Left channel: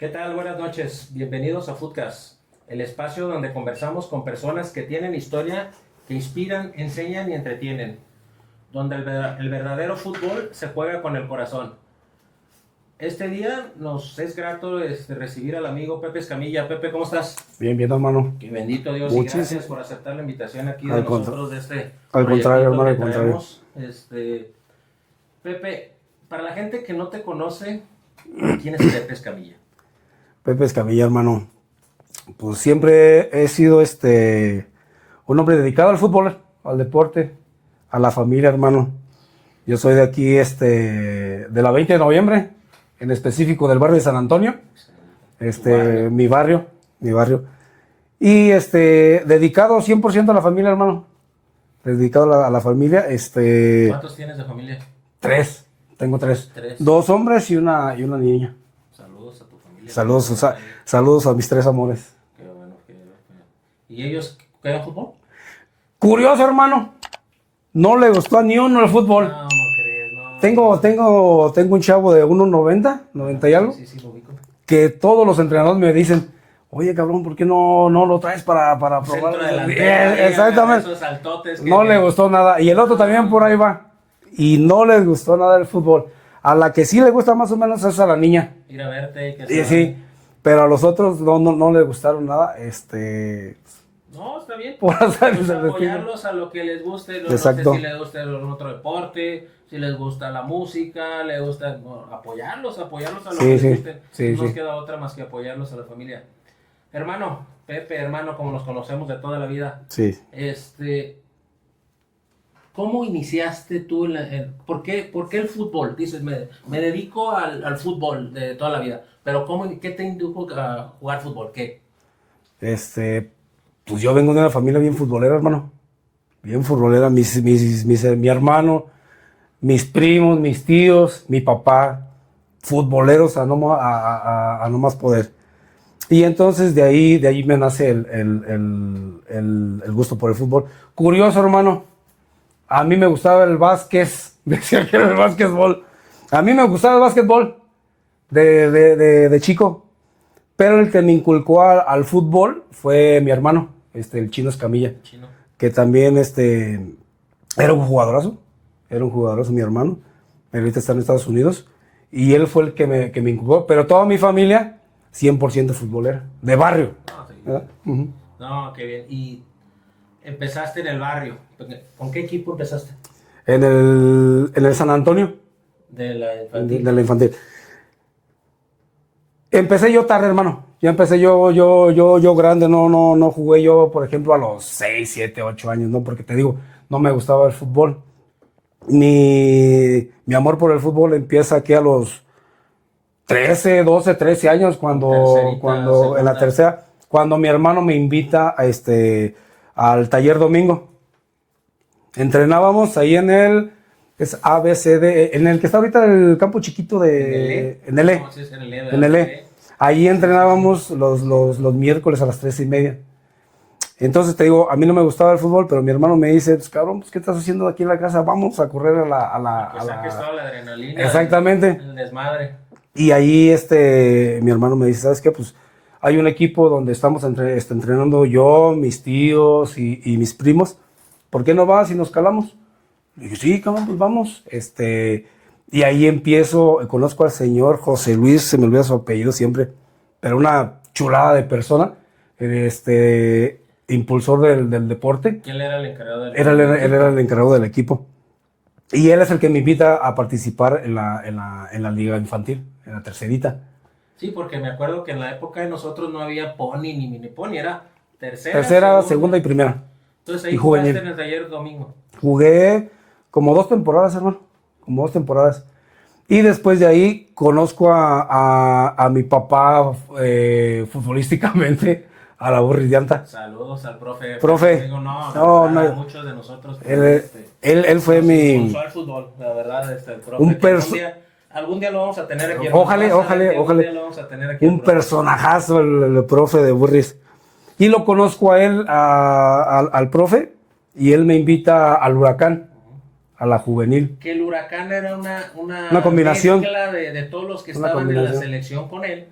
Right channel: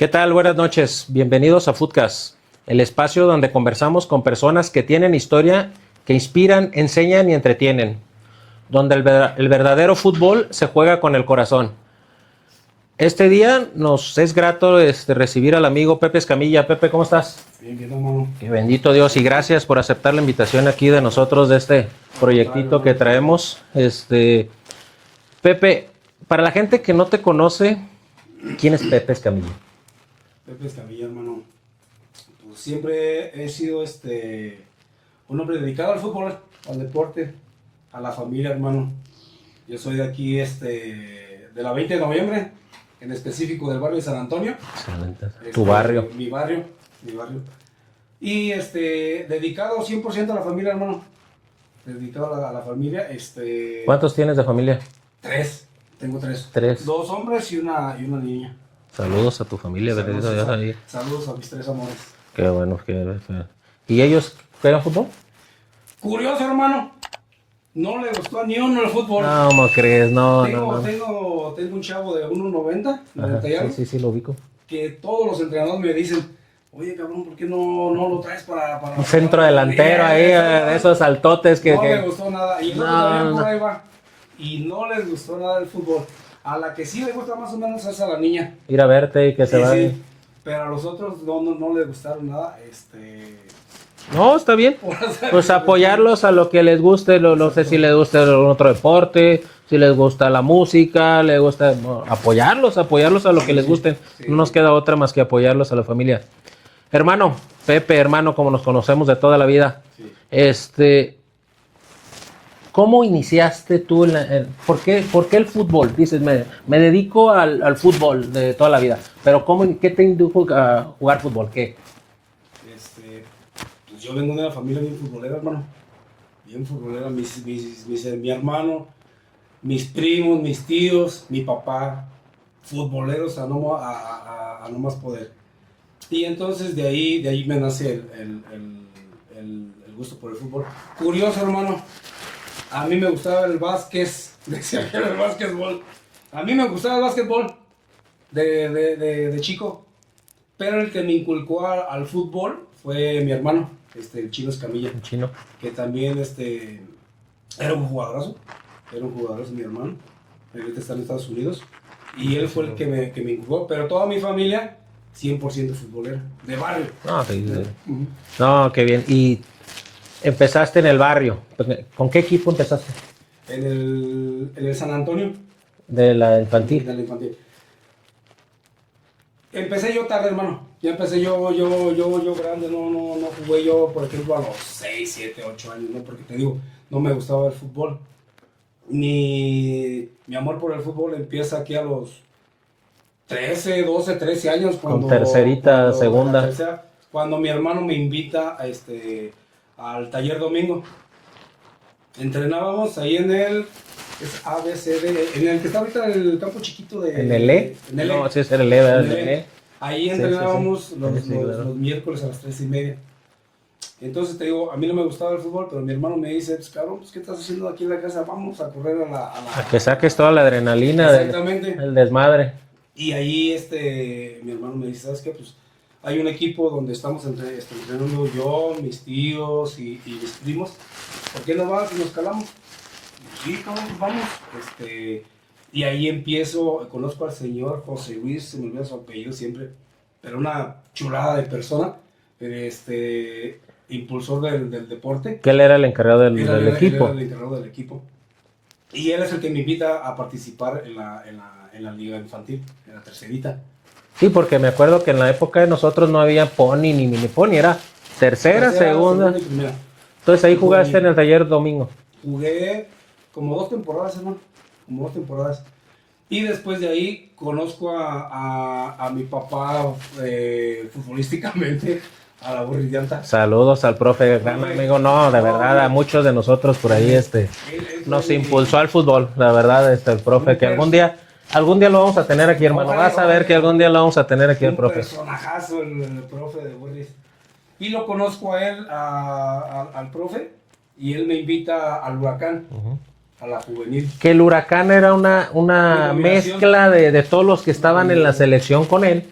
¿Qué tal? Buenas noches. Bienvenidos a Footcast, el espacio donde conversamos con personas que tienen historia, que inspiran, enseñan y entretienen, donde el verdadero fútbol se juega con el corazón. Este día nos es grato recibir al amigo Pepe Escamilla. Pepe, ¿cómo estás? Bien, bien, hermano. Que bendito Dios y gracias por aceptar la invitación aquí de nosotros de este al proyectito contrario, que hermano, traemos. Pepe, para la gente que no te conoce, ¿quién es Pepe Escamilla? Pepe Escamilla, hermano. Pues siempre he sido un hombre dedicado al fútbol, al deporte, a la familia, hermano. Yo soy de aquí, de la 20 de noviembre, en específico del barrio de San Antonio. Excelente. Tu barrio. Mi barrio. Y dedicado 100% a la familia, hermano. Dedicado a la familia. ¿Cuántos tienes de familia? Tres. Tengo tres. Tres. 2 hombres y una niña. Saludos a tu familia. Saludos a mis 3 amores. Qué bueno. ¿Y ellos juegan fútbol? Curioso, hermano. No le gustó ni uno el fútbol. No, ¿cómo crees? No. Tengo un chavo de 1.90, 90 y algo. Sí, lo ubico. Que todos los entrenadores me dicen, oye, cabrón, ¿por qué no lo traes para Centro delantero ahí, exactamente. Esos saltotes que... No le gustó nada. Y el otro también por ahí va. Y no les gustó nada el fútbol. A la que sí le gusta más o menos es a la niña. Ir a verte y que se vaya. Sí. Pero a los otros no les gustaron nada. No, está bien. Pues apoyarlos a lo que les guste. No sé si les gusta otro deporte, si les gusta la música, les gusta... No, apoyarlos a lo que les guste. No nos queda otra más que apoyarlos a la familia. Hermano, Pepe, hermano, como nos conocemos de toda la vida. Sí. ¿Cómo iniciaste tú? ¿Por qué el fútbol? Dices, me dedico al fútbol de toda la vida. Pero ¿qué te indujo a jugar fútbol? ¿Qué? Pues yo vengo de una familia bien futbolera, hermano. Bien futbolera. Mi hermano, mis primos, mis tíos, mi papá. Futboleros a no más poder. Y entonces de ahí me nace el gusto por el fútbol. Curioso, hermano. A mí me gustaba el básquet, decía que era el básquetbol. A mí me gustaba el básquetbol de chico, pero el que me inculcó al fútbol fue mi hermano, el Chino Escamilla. El Chino. Que también era un jugadorazo, mi hermano. Ahorita está en Estados Unidos. Y él fue el que me inculcó, pero toda mi familia, 100% futbolera, de barrio. No, qué bien. Y empezaste en el barrio. ¿Con qué equipo empezaste? En el San Antonio. De la infantil. De la infantil. Empecé yo tarde, hermano. Ya empecé yo grande. No jugué yo, por ejemplo, a los 6, 7, 8 años, ¿no? Porque te digo, no me gustaba el fútbol. Mi amor por el fútbol empieza aquí a los 13, 12, 13 años. Cuando en la tercera. Cuando mi hermano me invita al taller domingo. Entrenábamos ahí en el ABCD, en el que está ahorita el campo chiquito de... ¿En el E? En el E. No, sí, es el E. En el E. Ahí entrenábamos sí. Los miércoles a las 3:30. Entonces te digo, a mí no me gustaba el fútbol, pero mi hermano me dice, pues cabrón, ¿qué estás haciendo aquí en la casa? Vamos a correr a que saques toda la adrenalina. Exactamente. El desmadre. Y ahí mi hermano me dice, ¿sabes qué? Pues hay un equipo donde estamos entrenando yo, mis tíos y mis primos. ¿Por qué no vas y nos calamos? Y dije, sí, cabrón, pues vamos. Y ahí conozco al señor José Luis, se me olvida su apellido siempre, pero una chulada de persona, impulsor del deporte. Que él era el encargado del equipo. Él era el encargado del equipo. Y él es el que me invita a participar en la liga infantil, en la tercerita. Sí, porque me acuerdo que en la época de nosotros no había pony ni mini pony, era tercera, segunda y primera. Entonces ahí jugaste en el taller domingo. Jugué como 2 temporadas, hermano. Como 2 temporadas. Y después de ahí conozco a mi papá futbolísticamente, a la Burris de Anta. Saludos al profe. Amigo, verdad, a muchos de nosotros por ahí él fue nos impulsó al fútbol, la verdad, el profe, que algún día lo vamos a tener aquí, hermano. Vas a ver que algún día lo vamos a tener aquí. Un personajazo el profe de Burris. Y lo conozco a él, al profe, y él me invita al Huracán, a la juvenil. Que el Huracán era una combinación, mezcla de todos los que estaban en la selección con él.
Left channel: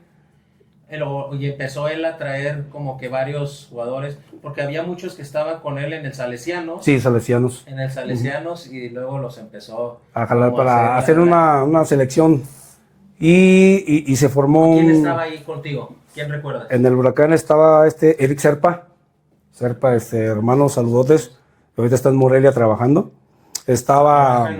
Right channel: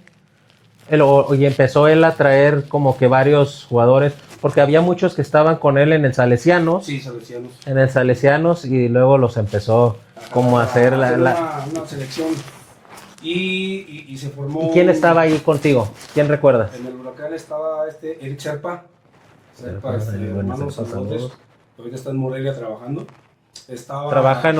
Y empezó él a traer como que varios jugadores, porque había muchos que estaban con él en el Salesianos. Sí, salesianos. En el Salesianos y luego los empezó A como a hacer, hacer una selección. Y se formó. ¿Quién estaba ahí contigo? ¿Quién recuerda? En el Huracán estaba Eric Serpa. Serpa, hermano, saludotes. Ahorita está en Morelia trabajando. Trabaja en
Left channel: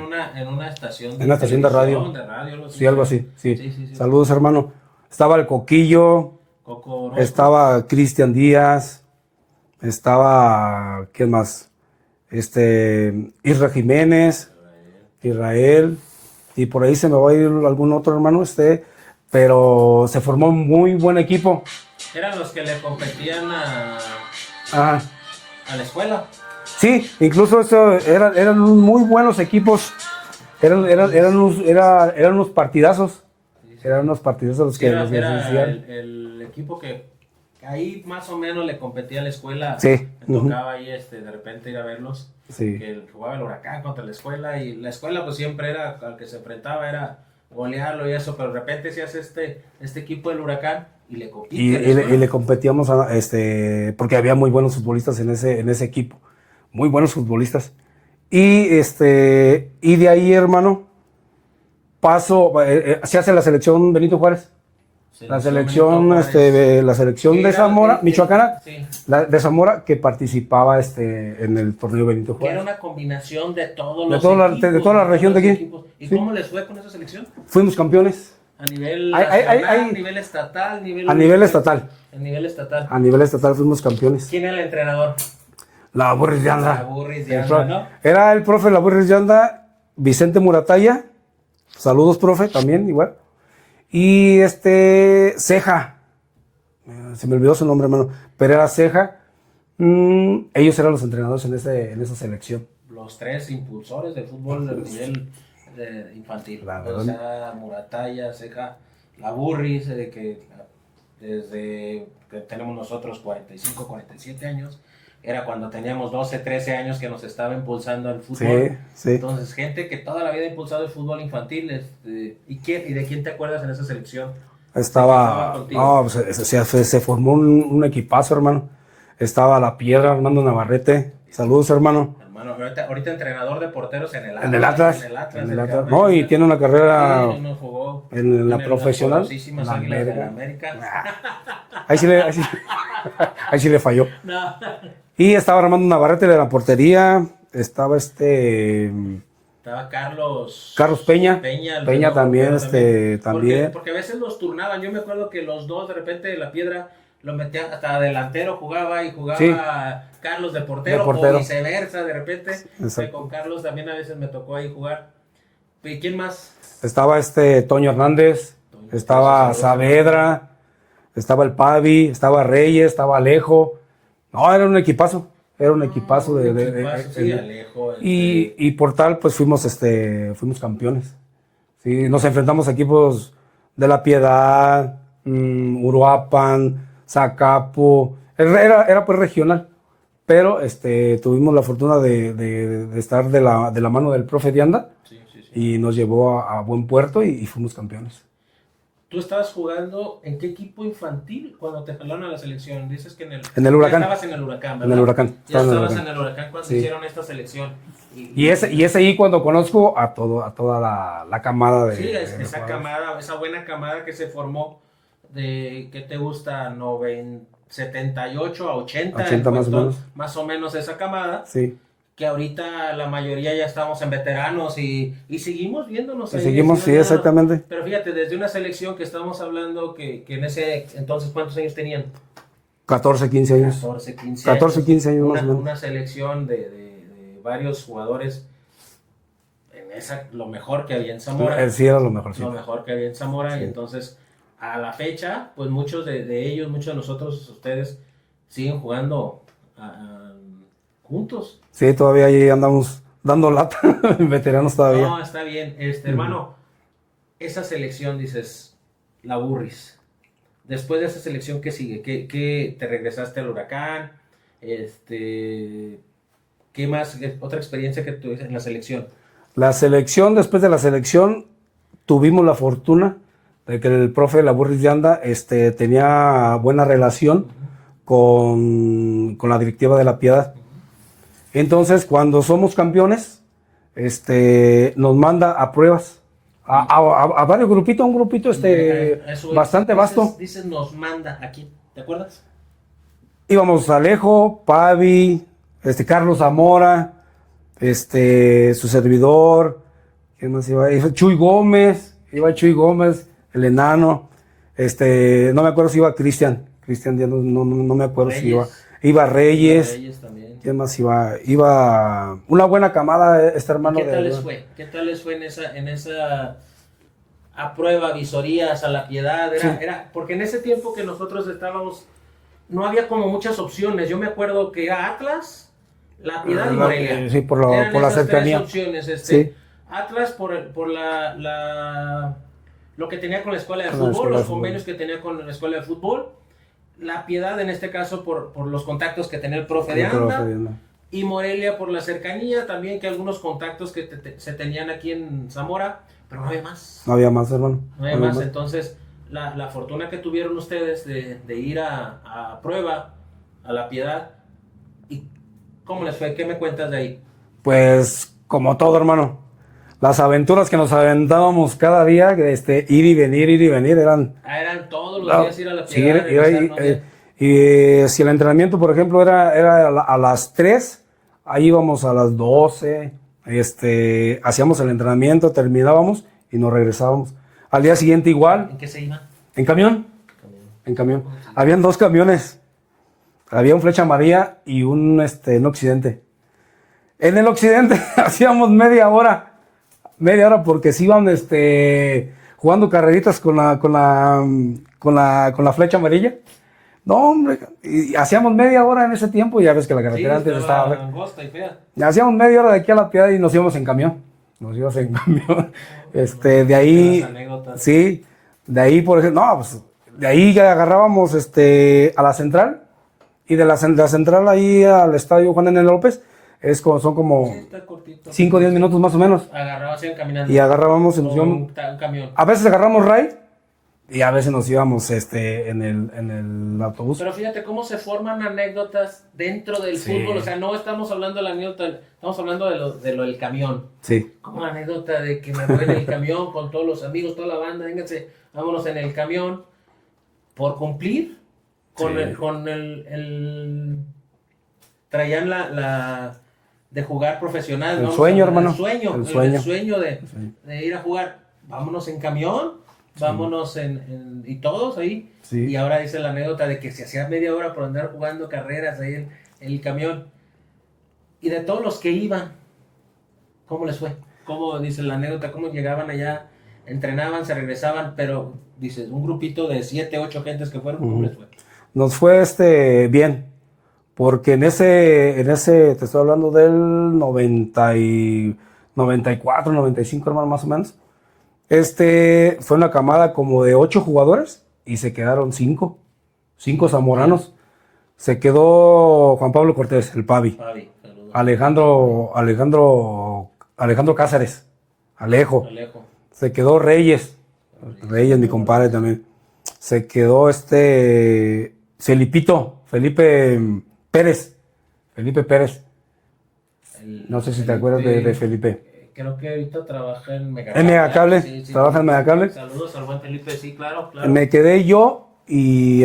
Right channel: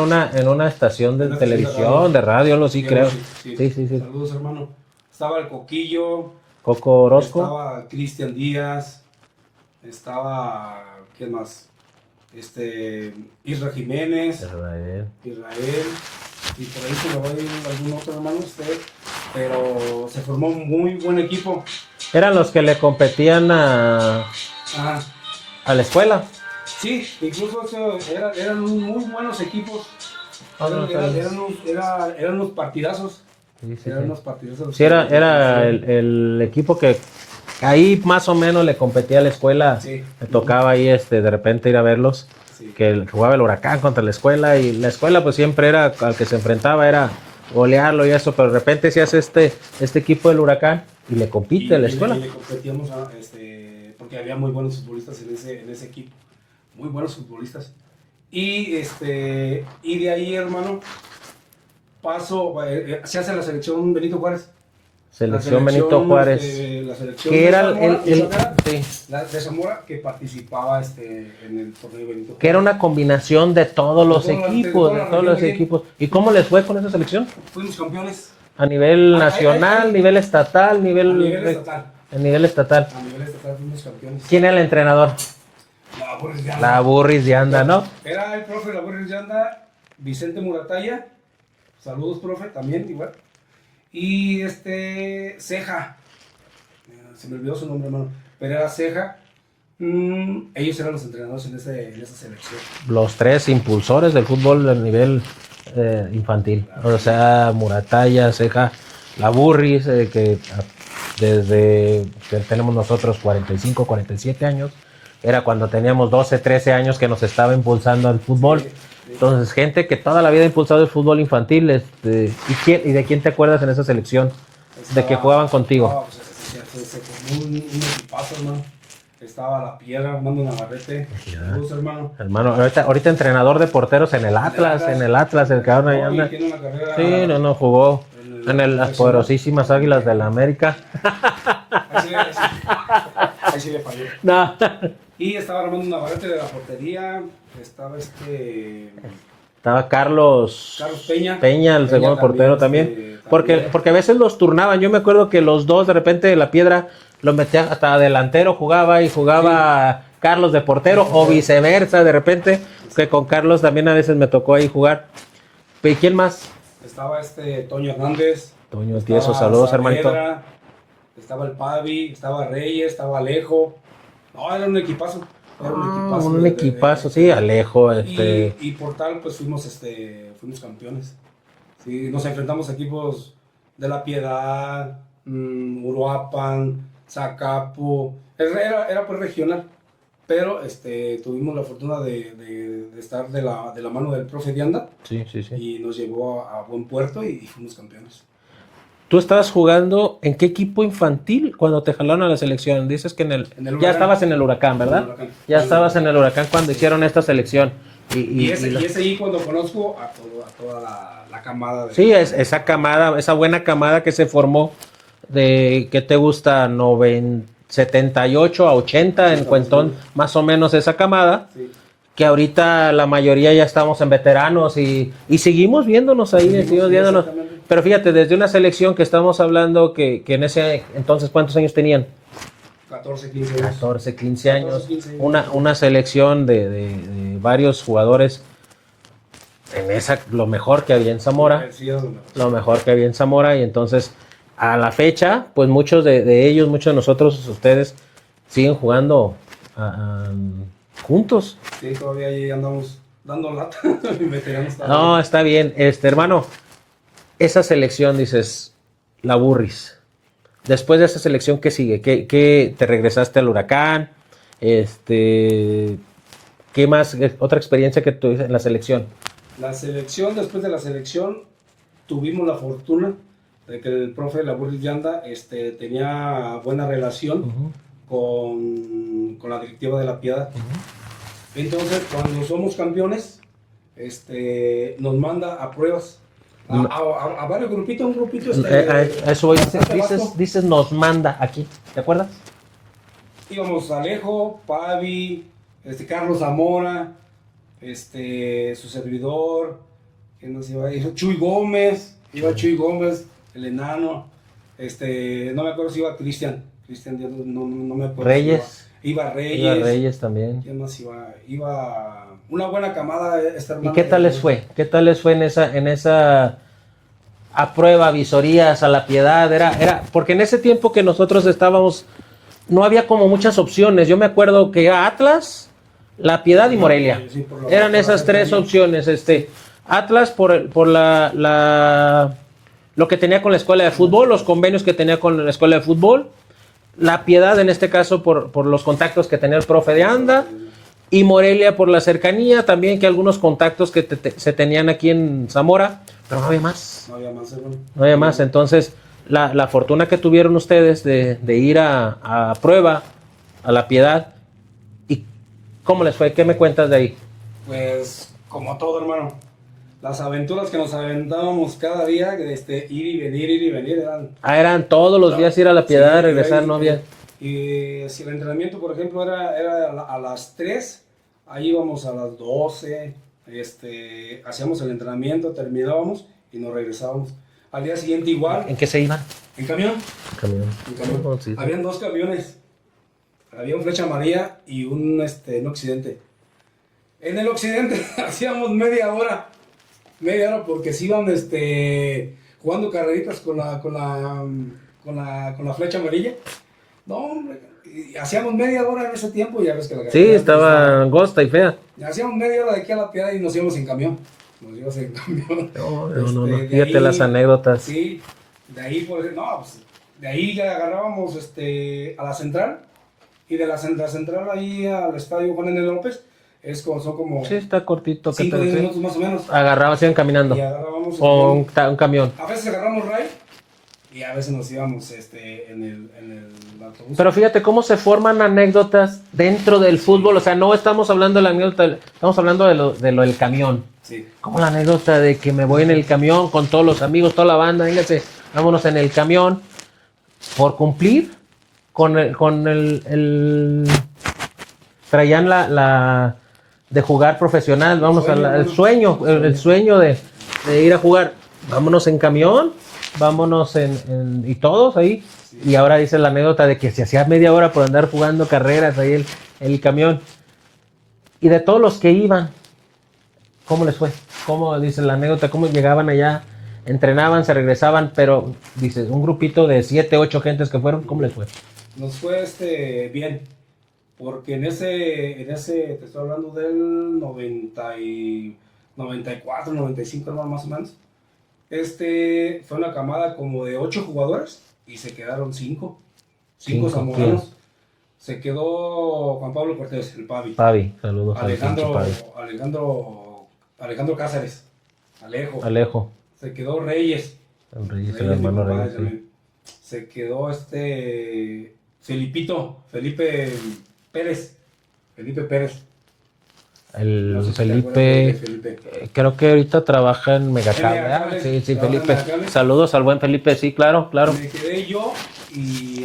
una estación de televisión, de radio, algo así, creo. Sí. Saludos, hermano. Estaba el Coquillo. Coco Orozco. Estaba Cristian Díaz. Estaba, ¿quién más? Isra Jiménez. Israel. Y por ahí se me va a ir algún otro hermano, pero se formó un muy buen equipo. Eran los que le competían a la escuela. Sí, incluso eran muy buenos equipos. Eran unos partidazos. Eran unos partidazos. Sí, era el equipo que ahí más o menos le competía a la escuela. Sí. Me tocaba ahí de repente ir a verlos. Sí. Que jugaba el Huracán contra la escuela y la escuela pues siempre era al que se enfrentaba era golearlo y eso, pero de repente se hace este equipo del Huracán y le compite a la escuela. Y le competíamos porque había muy buenos futbolistas en ese equipo. Muy buenos futbolistas. Y de ahí, hermano, se hace la selección Benito Juárez. La selección de Zamora, michoacana, sí. de Zamora, que participaba en el torneo Benito Juárez. Que era una combinación de todos los equipos. De toda la región de aquí. Equipos. ¿Y cómo les fue con esa selección? Fuimos campeones. A nivel nacional, nivel estatal, A nivel estatal. A nivel estatal. A nivel estatal fuimos campeones. ¿Quién era el entrenador? La Burris de Anda. La Burris de Anda, ¿no? Era el profe La Burris de Anda, Vicente Muratalla. Saludos, profe, también igual. Y Ceja. Se me olvidó su nombre, hermano. Pero era Ceja. Ellos eran los entrenadores en esa selección. Los tres impulsores del fútbol a nivel infantil. Claro. O sea, Muratalla, Ceja, La Burris, que desde que tenemos nosotros 45, 47 años, era cuando teníamos 12, 13 años que nos estaba impulsando al fútbol. Sí, sí. Entonces, gente que toda la vida ha impulsado el fútbol infantil. ¿Y de quién te acuerdas en esa selección? De que jugaban contigo. No, pues, se formó un equipazo, hermano. Estaba La Piedra, Armando Navarrete. Saludos, hermano. Hermano, ahorita entrenador de porteros en el Atlas. El cabrón. No, y tiene una carrera. Sí, jugó en las poderosísimas Águilas de la América. Ahí sí le falló. No. Y estaba Armando Navarrete de la portería. Estaba Estaba Carlos Peña. El segundo portero también. Porque a veces los turnaban. Yo me acuerdo que los dos, de repente, La Piedra lo metía hasta delantero, jugaba sí. Carlos de portero, o viceversa, de repente. Sí. Que con Carlos también a veces me tocó ahí jugar. ¿Y quién más? Estaba Toño Hernández. Estaba Saavedra. Estaba el Pavi. Estaba Reyes. Estaba Alejo. No, era un equipazo. Un equipazo, sí, Alejo. Y por tal, pues fuimos campeones. Sí, nos enfrentamos a equipos de La Piedad, Uruapan, Zacapo. Era pues regional. Pero tuvimos la fortuna de estar de la mano del profe de Anda. Sí. Y nos llevó a buen puerto y fuimos campeones. ¿Tú estabas jugando en qué equipo infantil cuando te jalaron a la selección? Dices que en el Huracán. Ya estabas en el Huracán, ¿verdad? En el Huracán. Ya estabas en el Huracán cuando hicieron esta selección. Y es ahí cuando conozco a toda la camada de... Sí, esa camada, esa buena camada que se formó de, ¿qué te gusta? 78 a 80 en Cuentón, más o menos esa camada. Sí. Que ahorita la mayoría ya estamos en veteranos y seguimos viéndonos ahí. Sí, exactamente. Pero fíjate, desde una selección que estamos hablando que en ese entonces, ¿cuántos años tenían? 14, 15 años. 14, 15 años. Una selección de varios jugadores en esa, lo mejor que había en Zamora. Sí, era lo mejor. Lo mejor que había en Zamora y entonces a la fecha, pues muchos de ellos, muchos de nosotros, ustedes, siguen jugando juntos. Sí, todavía ahí andamos dando lata, veteranos todavía. No, está bien. Hermano, esa selección, dices, La Burris. Después de esa selección, ¿qué sigue? ¿Qué te regresaste al Huracán? ¿Qué más? ¿Otra experiencia que tuviste en la selección? La selección, después de la selección, tuvimos la fortuna de que el profe Laburris de Anda tenía buena relación con la directiva de La Piedad. Entonces, cuando somos campeones, nos manda a pruebas. A varios grupitos, un grupito eso bastante vasto. Dices nos manda aquí, ¿te acuerdas? Íbamos Alejo, Pavi, Carlos Zamora, su servidor, ¿quién más iba? Chuy Gómez, el enano, no me acuerdo si iba Cristian, ya no me acuerdo Reyes. si iba Reyes. Reyes también. ¿Quién más iba? Iba una buena camada, hermano. ¿Y qué tal les fue? ¿Qué tal les fue en esa a prueba, visorías, a La Piedad? Era porque en ese tiempo que nosotros estábamos, no había como muchas opciones. Yo me acuerdo que era Atlas, La Piedad y Morelia. Sí, eran por esas tres opciones. Sí. Atlas por lo que tenía con la escuela de fútbol, los convenios que tenía con la escuela de fútbol. La Piedad, en este caso, por los contactos que tenía el profe de Anda. Y Morelia por la cercanía, también que algunos contactos que se tenían aquí en Zamora. Pero no había más. No había más, hermano. No había más. Entonces, la fortuna que tuvieron ustedes de ir a prueba, a La Piedad. ¿Y cómo les fue? ¿Qué me cuentas de ahí? Pues, como todo, hermano. Las aventuras que nos aventábamos cada día, ir y venir, eran... Eran todos los días ir a La Piedad, sí, regresar, ¿no? Y si el entrenamiento, por ejemplo, era a las 3, ahí íbamos a las 12, hacíamos el entrenamiento, terminábamos y nos regresábamos. Al día siguiente igual. ¿En qué se iban? ¿En camión? En camión. Oh, sí. Habían 2 camiones. Había un Flecha Amarilla y un Occidente. En el Occidente hacíamos media hora porque se iban jugando carreritas con la Flecha Amarilla. No, hombre, y hacíamos media hora en ese tiempo y ya ves que la carretera estaba angosta y fea. Hacíamos media hora de aquí a La Piedad y nos íbamos en camión. De ahí las anécdotas. Sí, de ahí, por ejemplo, de ahí ya agarrábamos a la central y de la central ahí al estadio Juan N. López. Son como sí, está cortito. 5 o 10 minutos más o menos. Iban caminando. Y agarrábamos un camión. A veces agarramos RAI y a veces nos íbamos en el autobús. Pero fíjate cómo se forman anécdotas dentro del fútbol. O sea, no estamos hablando de la anécdota, estamos hablando de lo del camión. Sí. Como la anécdota de que me voy en el camión con todos los amigos, toda la banda, véngase, vámonos en el camión. Por cumplir con el traían la de jugar profesional, el sueño de ir a jugar, vámonos en camión, vámonos y todos ahí, sí. Y ahora dice la anécdota de que se hacía media hora por andar jugando carreras ahí el camión, y de todos los que iban, ¿cómo les fue? ¿Cómo dice la anécdota? ¿Cómo llegaban allá? Entrenaban, se regresaban, pero dice, un grupito de 7, 8 gentes que fueron, ¿cómo les fue? Nos fue bien. Porque en ese, te estoy hablando del 94, 95, hermano, más o menos. Fue una camada como de 8 jugadores y se quedaron 5 zamoranos. Sí. Se quedó Juan Pablo Cortés, el Pavi. Saludos. Alejandro Cáceres, Alejo. Se quedó Reyes, mi compadre también. Se quedó Felipe Pérez. No sé si te acuerdas de Felipe. Creo que ahorita trabaja en Megacable. En Megacable. Sí, trabaja en Megacable. Saludos al buen Felipe, sí, claro. Me quedé yo y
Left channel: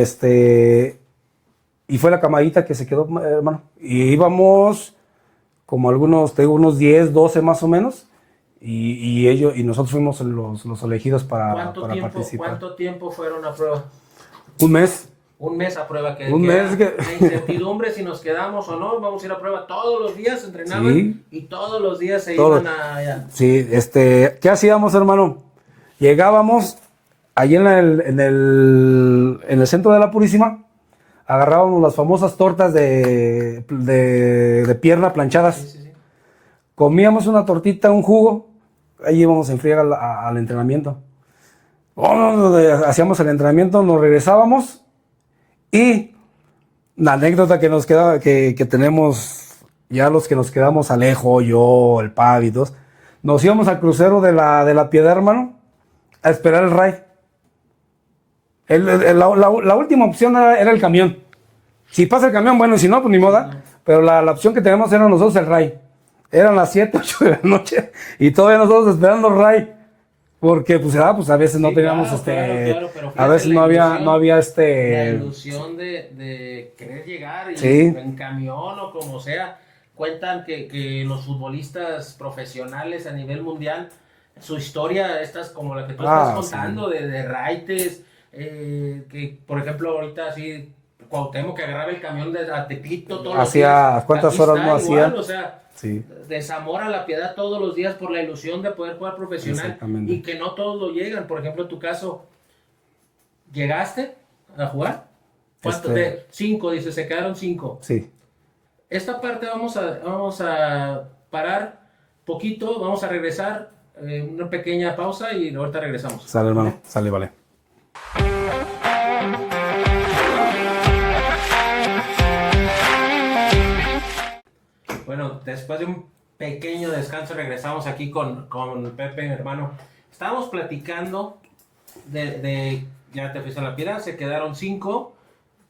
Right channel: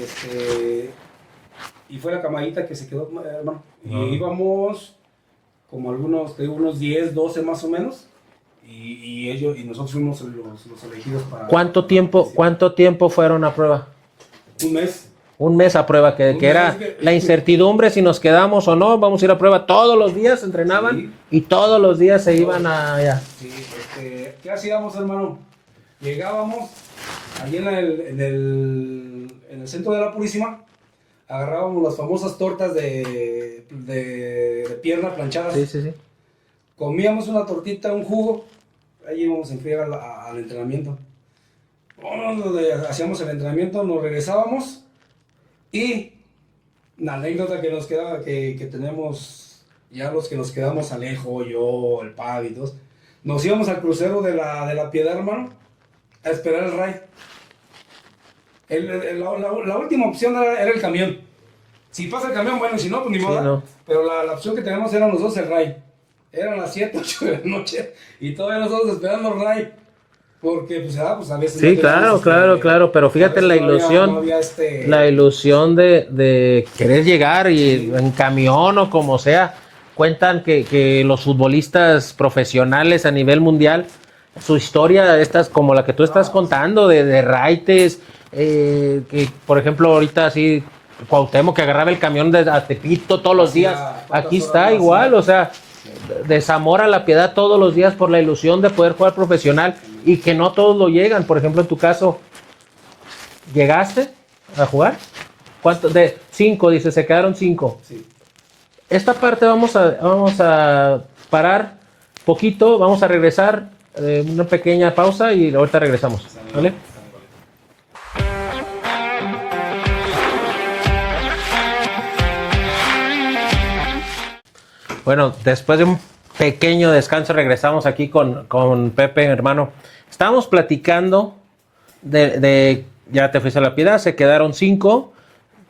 fue la camadita que se quedó, hermano. Y íbamos como unos 10, 12 más o menos. Y nosotros fuimos los elegidos para ¿Cuánto tiempo fueron a prueba? Un mes a prueba, que era la incertidumbre si nos quedamos o no, vamos a ir a prueba. Todos los días entrenaban, sí. Y todos los días iban allá. Sí, ¿qué hacíamos, hermano? Llegábamos allí en el centro de la Purísima, agarrábamos las famosas tortas de pierna planchadas. Sí. Comíamos una tortita, un jugo, ahí íbamos en friega al entrenamiento. Hacíamos el entrenamiento, nos regresábamos. Y la anécdota que nos quedaba, que tenemos ya los que nos quedamos, Alejo, yo, el Pavi y todos, nos íbamos al crucero de la Piedad, hermano, a esperar el RAI. La última opción era el camión. Si pasa el camión, bueno, y si no, pues ni modo. no. Pero la opción que teníamos era nosotros el RAI. Eran las 7, 8 de la noche y todavía nosotros esperando el RAI. Porque pues a veces Sí, no teníamos, claro, pero a fíjate veces la no ilusión, no había la ilusión de querer llegar y Sí. en camión o como sea. Cuentan que los futbolistas profesionales a nivel mundial, su historia, como la que tú estás contando, de raites, que por ejemplo ahorita así, Cuauhtémoc que agarraba el camión de a Tepito todos los días, aquí está igual, o sea, Sí. de Zamora a La Piedad todos los días por la ilusión de poder jugar profesional y que no todos lo llegan. Por ejemplo, en tu caso, ¿llegaste a jugar? ¿Cuántos? De 5, dice, se quedaron 5. Sí. Esta parte vamos a parar poquito, vamos a regresar, una pequeña pausa y ahorita regresamos. Sale, ¿vale? vale. Bueno, después de un pequeño descanso regresamos aquí con Pepe, hermano. Estábamos platicando ya te fuiste a La Piedad, se quedaron 5.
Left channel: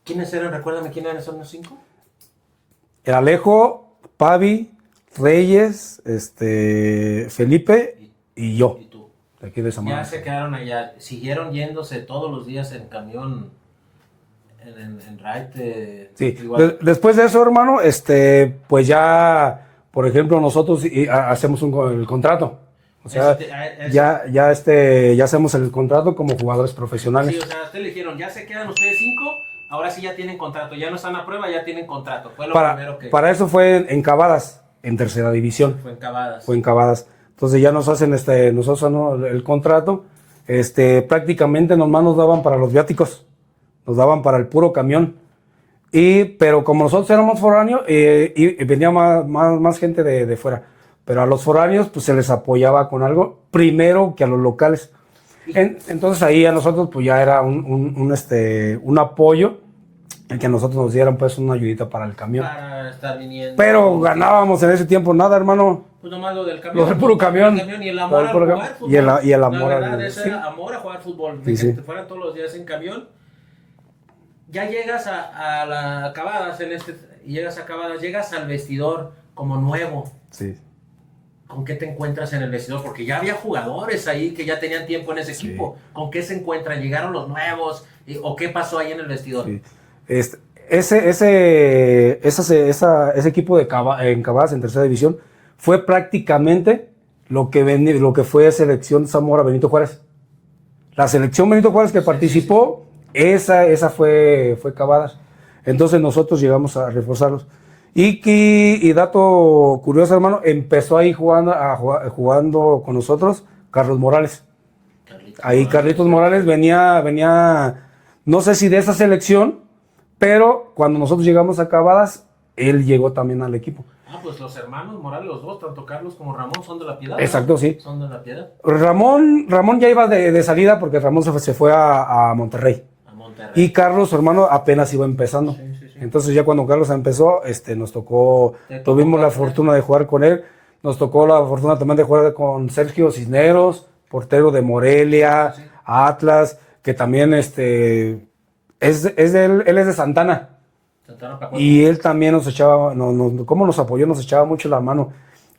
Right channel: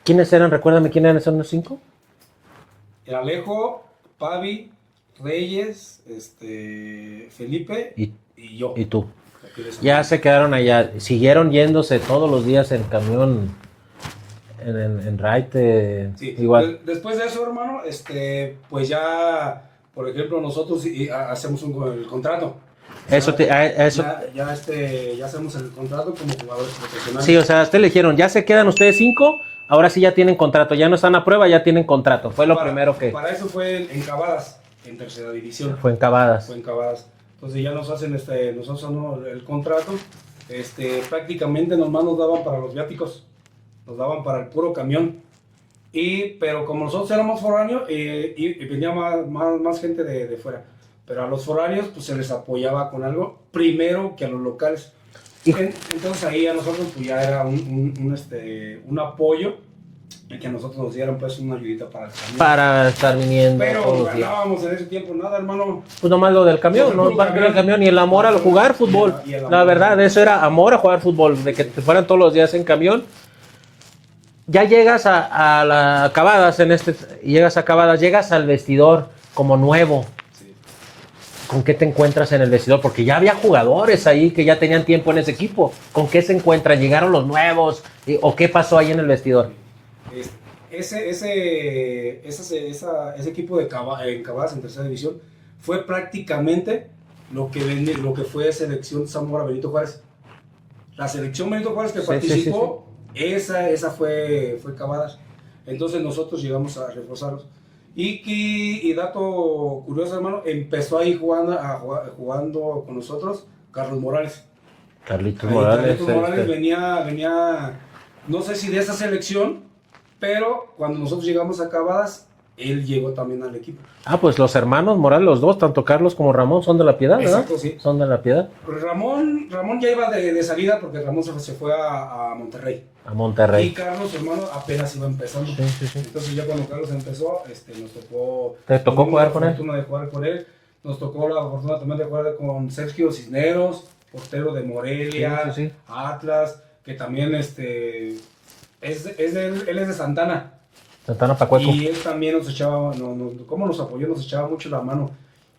¿Quiénes eran? Recuérdame, ¿quiénes eran esos 5? El Alejo, Pavi, Reyes, Felipe y yo. Y tú. Aquí de Ya Zamora. se quedaron allá. Siguieron yéndose todos los días en camión, en ride. Sí. Igual. Después de eso, hermano, pues ya, por ejemplo, nosotros hacemos el contrato. O sea, Eso ya hacemos el contrato como jugadores profesionales. Sí, o sea, ustedes le dijeron, ya se quedan ustedes 5, ahora sí ya tienen contrato. Ya no están a prueba, ya tienen contrato. Fue lo primero que Para eso fue en Cavadas, en tercera división. fue en Cavadas. Fue en Cavadas. Entonces ya nos hacen nosotros ¿no? el contrato. Prácticamente nomás nos daban para los viáticos. Nos daban para el puro camión. Pero como nosotros éramos foráneos, y venía más gente de fuera. Pero a los foráneos pues se les apoyaba con algo primero que a los locales. Entonces ahí a nosotros pues ya era un apoyo el que a nosotros nos dieran pues una ayudita para el camión. Para estar viniendo. Pero ganábamos en ese tiempo nada, hermano. Pues nomás lo del camión, El ¿no? puro El camión. y el amor al jugar fútbol. Y el amor la verdad, al- eso era amor a jugar fútbol, de Sí, que sí. te fueran todos los días en camión. Ya llegas a la Cavadas llegas a Cavadas, llegas al vestidor como nuevo. Sí. ¿Con qué te encuentras en el vestidor? Porque ya había jugadores ahí que ya tenían tiempo en ese equipo. ¿Con qué se encuentran? ¿Llegaron los nuevos? ¿O qué pasó ahí en el vestidor? Sí. Ese equipo en Cavadas en tercera división fue prácticamente lo que fue selección Zamora Benito Juárez. La selección Benito Juárez que participó, esa fue Cavadas. Entonces nosotros llegamos a reforzarlos. Y dato curioso, hermano, empezó ahí jugando con nosotros Carlos Morales. Carlitos Morales venía, no sé si de esa selección, pero cuando nosotros llegamos a Cavadas, él llegó también al equipo. Ah, pues los hermanos Morales, los dos, tanto Carlos como Ramón, son de La Piedad, ¿verdad? Exacto, sí. Son de La Piedad. Ramón ya iba de salida porque Ramón se fue a Monterrey. A Monterrey. Y Carlos, su hermano, apenas iba empezando. Sí. Entonces ya cuando Carlos empezó, nos tocó, ¿Te tocó tuvimos la jugar con él? fortuna de jugar con él. Nos tocó la fortuna también de jugar con Sergio Cisneros, portero de Morelia, Sí. Atlas, que también él es de Santana. Santana Pacueco. Y él también nos echaba, ¿cómo nos apoyó? Nos echaba mucho la mano.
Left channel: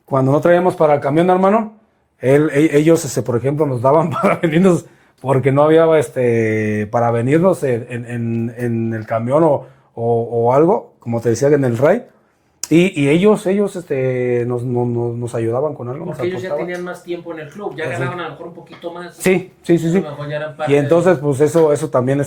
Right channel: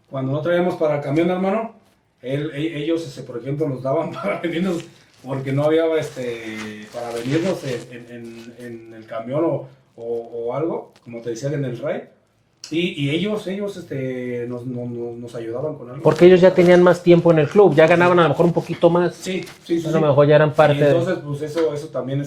Cuando no traíamos para el camión, hermano, ellos, por ejemplo, nos daban para venirnos, porque no había para venirnos en el camión o algo, como te decía, en el RAI. Y ellos nos ayudaban con algo. Porque ellos ya tenían más tiempo en el club, ya ganaban a lo mejor un poquito más. Sí. A lo mejor ya eran parte Y entonces, pues eso también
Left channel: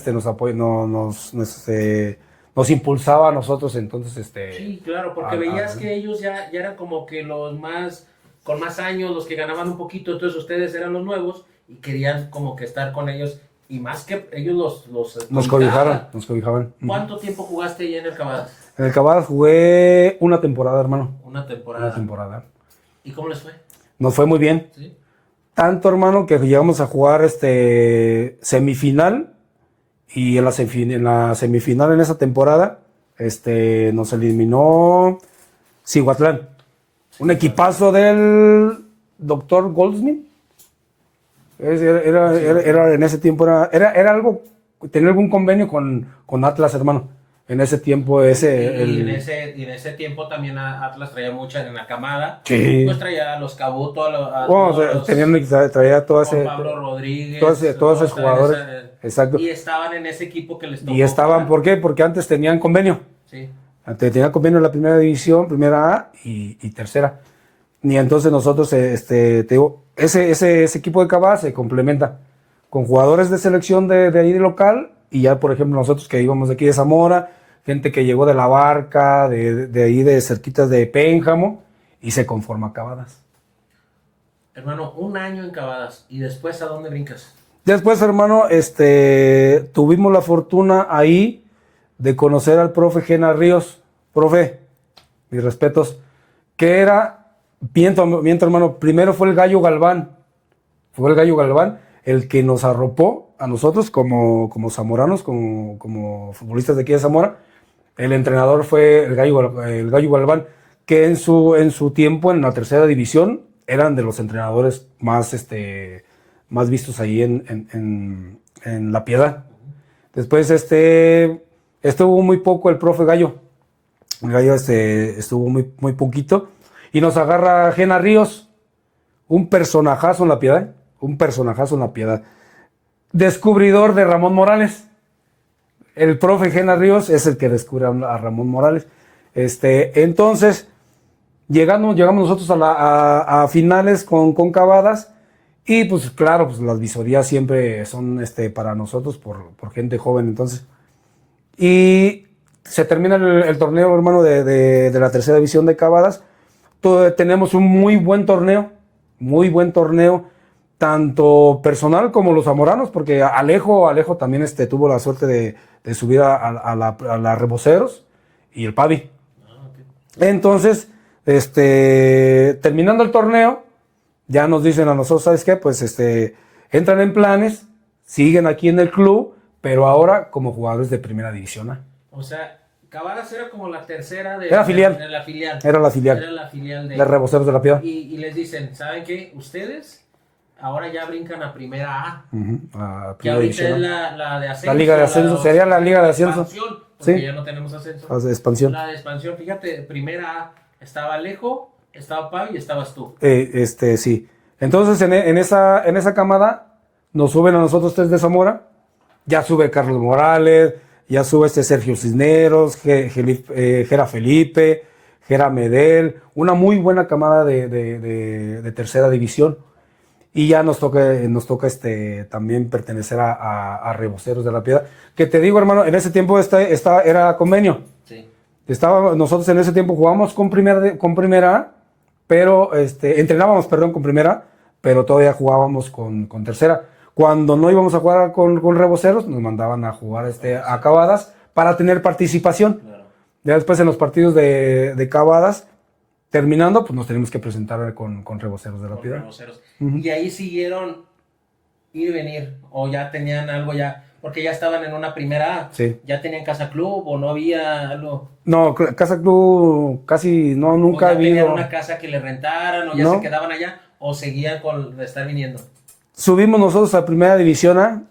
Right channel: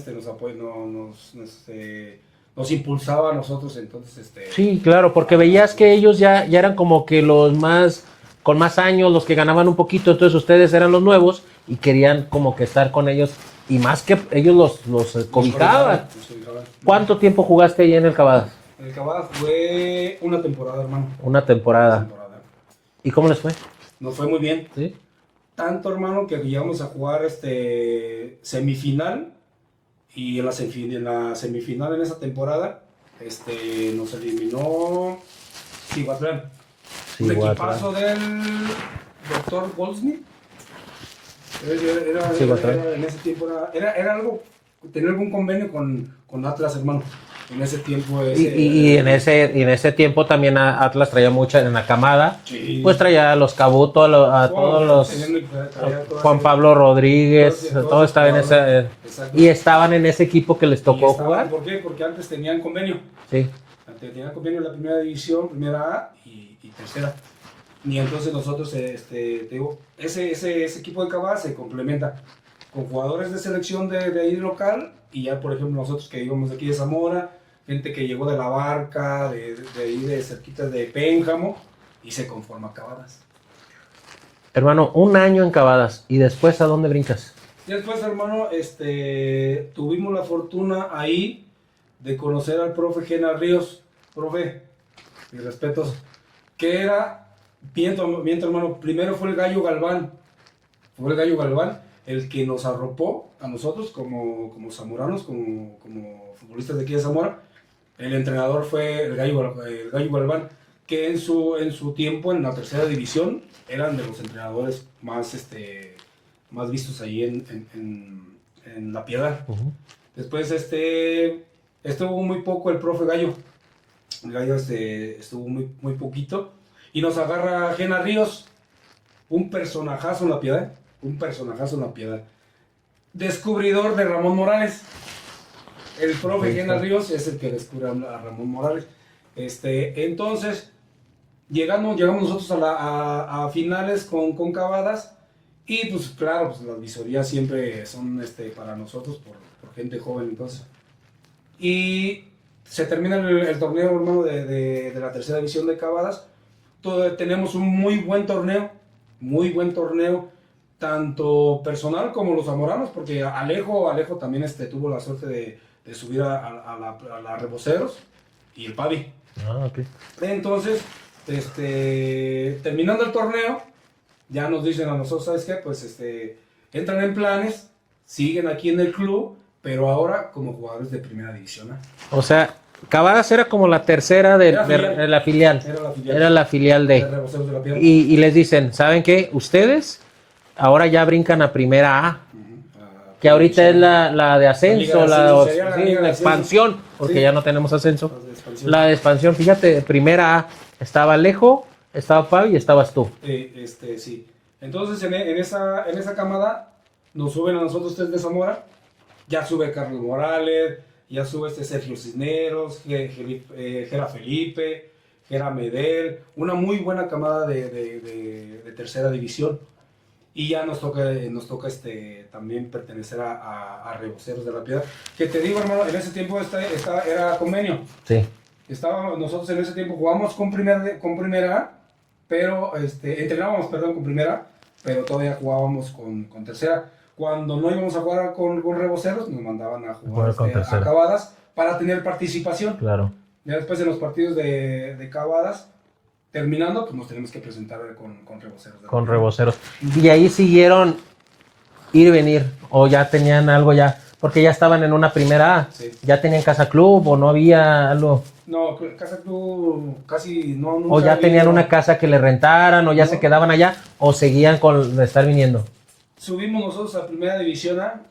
nos impulsaba a nosotros, entonces, Sí, claro, porque veías que ellos ya eran como que los más, con más años, los que ganaban un poquito, entonces ustedes eran los nuevos y querían como que estar con ellos, y más que ellos los cobijaban. nos cobijaban. ¿Cuánto tiempo jugaste ahí en el Cavadas? En el Cavadas jugué una temporada, hermano. Una temporada. Una temporada. ¿Y cómo les fue? Nos fue muy bien. ¿Sí? Tanto, hermano, que llegamos a jugar semifinal. Y en la semifinal en esa temporada, nos eliminó Cihuatlán. Un equipazo del doctor Goldsmith. Era en ese tiempo, era algo tener algún convenio con Atlas, hermano. En ese tiempo en ese tiempo también Atlas traía mucha en la camada. Sí. Pues traía a los Cabuto, todos los traía todo Juan Pablo Rodríguez, todos estaban en ese, exacto. Y estaban en ese equipo que les tocó. Y estaban, jugar. ¿por qué? Porque antes tenían convenio. Sí. Antes tenían convenio en la primera división, primera A y tercera. Y entonces nosotros, te digo, ese equipo de Cabá se complementa con jugadores de selección de ahí de local, y ya, por ejemplo, nosotros que íbamos de aquí de Zamora, gente que llegó de La Barca, de ahí de cerquitas de Pénjamo, y se conforma Cabadas. Hermano, 1 año en Cavadas, y después, ¿a dónde brincas? Después, hermano, tuvimos la fortuna ahí de conocer al profe Gena Ríos. Profe, mis respetos, que era, miento hermano, primero fue el Gallo Galván. Fue el Gallo Galván el que nos arropó a nosotros como zamoranos, como futbolistas de aquí de Zamora. El entrenador fue el Gallo Galván, que en su tiempo en la tercera división eran de los entrenadores más vistos ahí en La Piedad. Uh-huh. Después estuvo muy poco el profe Gallo. El Gallo estuvo muy poquito. Y nos agarra Gena Ríos, un personajazo en La Piedad. Descubridor de Ramón Morales. El profe Gena Ríos es el que descubre a Ramón Morales. Entonces, llegamos nosotros a finales con Cavadas. Y pues claro, pues las visorías siempre son para nosotros por gente joven. Entonces, y se termina el torneo, hermano, de la tercera división de Cavadas. Tenemos un muy buen torneo, tanto personal como los zamoranos, porque Alejo también tuvo la suerte de subir a la Reboceros y el Pavi. Okay. Entonces, terminando el torneo, ya nos dicen a nosotros, ¿sabes qué? Pues entran en planes, siguen aquí en el club, pero ahora como jugadores de primera división. O sea, Cavadas era como la tercera de la filial. Era la filial. Era la filial de Reboceros de La Piedad. Y les dicen, ¿saben qué? Ustedes ahora ya brincan a primera A. Uh-huh. Que ahorita es la de ascenso. La Liga de Ascenso. Sería la Liga de Ascenso. Expansión, porque ya no tenemos ascenso. La de expansión. La de expansión, fíjate, primera A. Estaba Alejo, estaba Pavi y estabas tú. Sí. Entonces, en esa camada, nos suben a nosotros 3 de Zamora. Ya sube Carlos Morales, ya sube Sergio Cisneros, Gera Felipe, Gera Medel. Una muy buena camada de tercera división. Y ya nos toca también pertenecer a Reboceros de La Piedad. Que te digo, hermano, en ese tiempo era convenio. Sí. Nosotros en ese tiempo jugábamos con primera A, pero entrenábamos, con primera, pero todavía jugábamos con tercera. Cuando no íbamos a jugar con Reboceros, nos mandaban a jugar a Cavadas para tener participación. Claro. Ya después en los partidos de Cavadas, terminando, pues nos teníamos que presentar con Reboceros. Con Reboceros. Y ahí siguieron ir y venir, o ya tenían algo ya, porque ya estaban en una primera A. Sí. ¿Ya tenían casa club o no había algo? No, casa club casi nunca. ¿O ya había, tenían una casa que le rentaran, o ya no. se quedaban allá, o seguían con estar viniendo? Subimos nosotros a Primera División A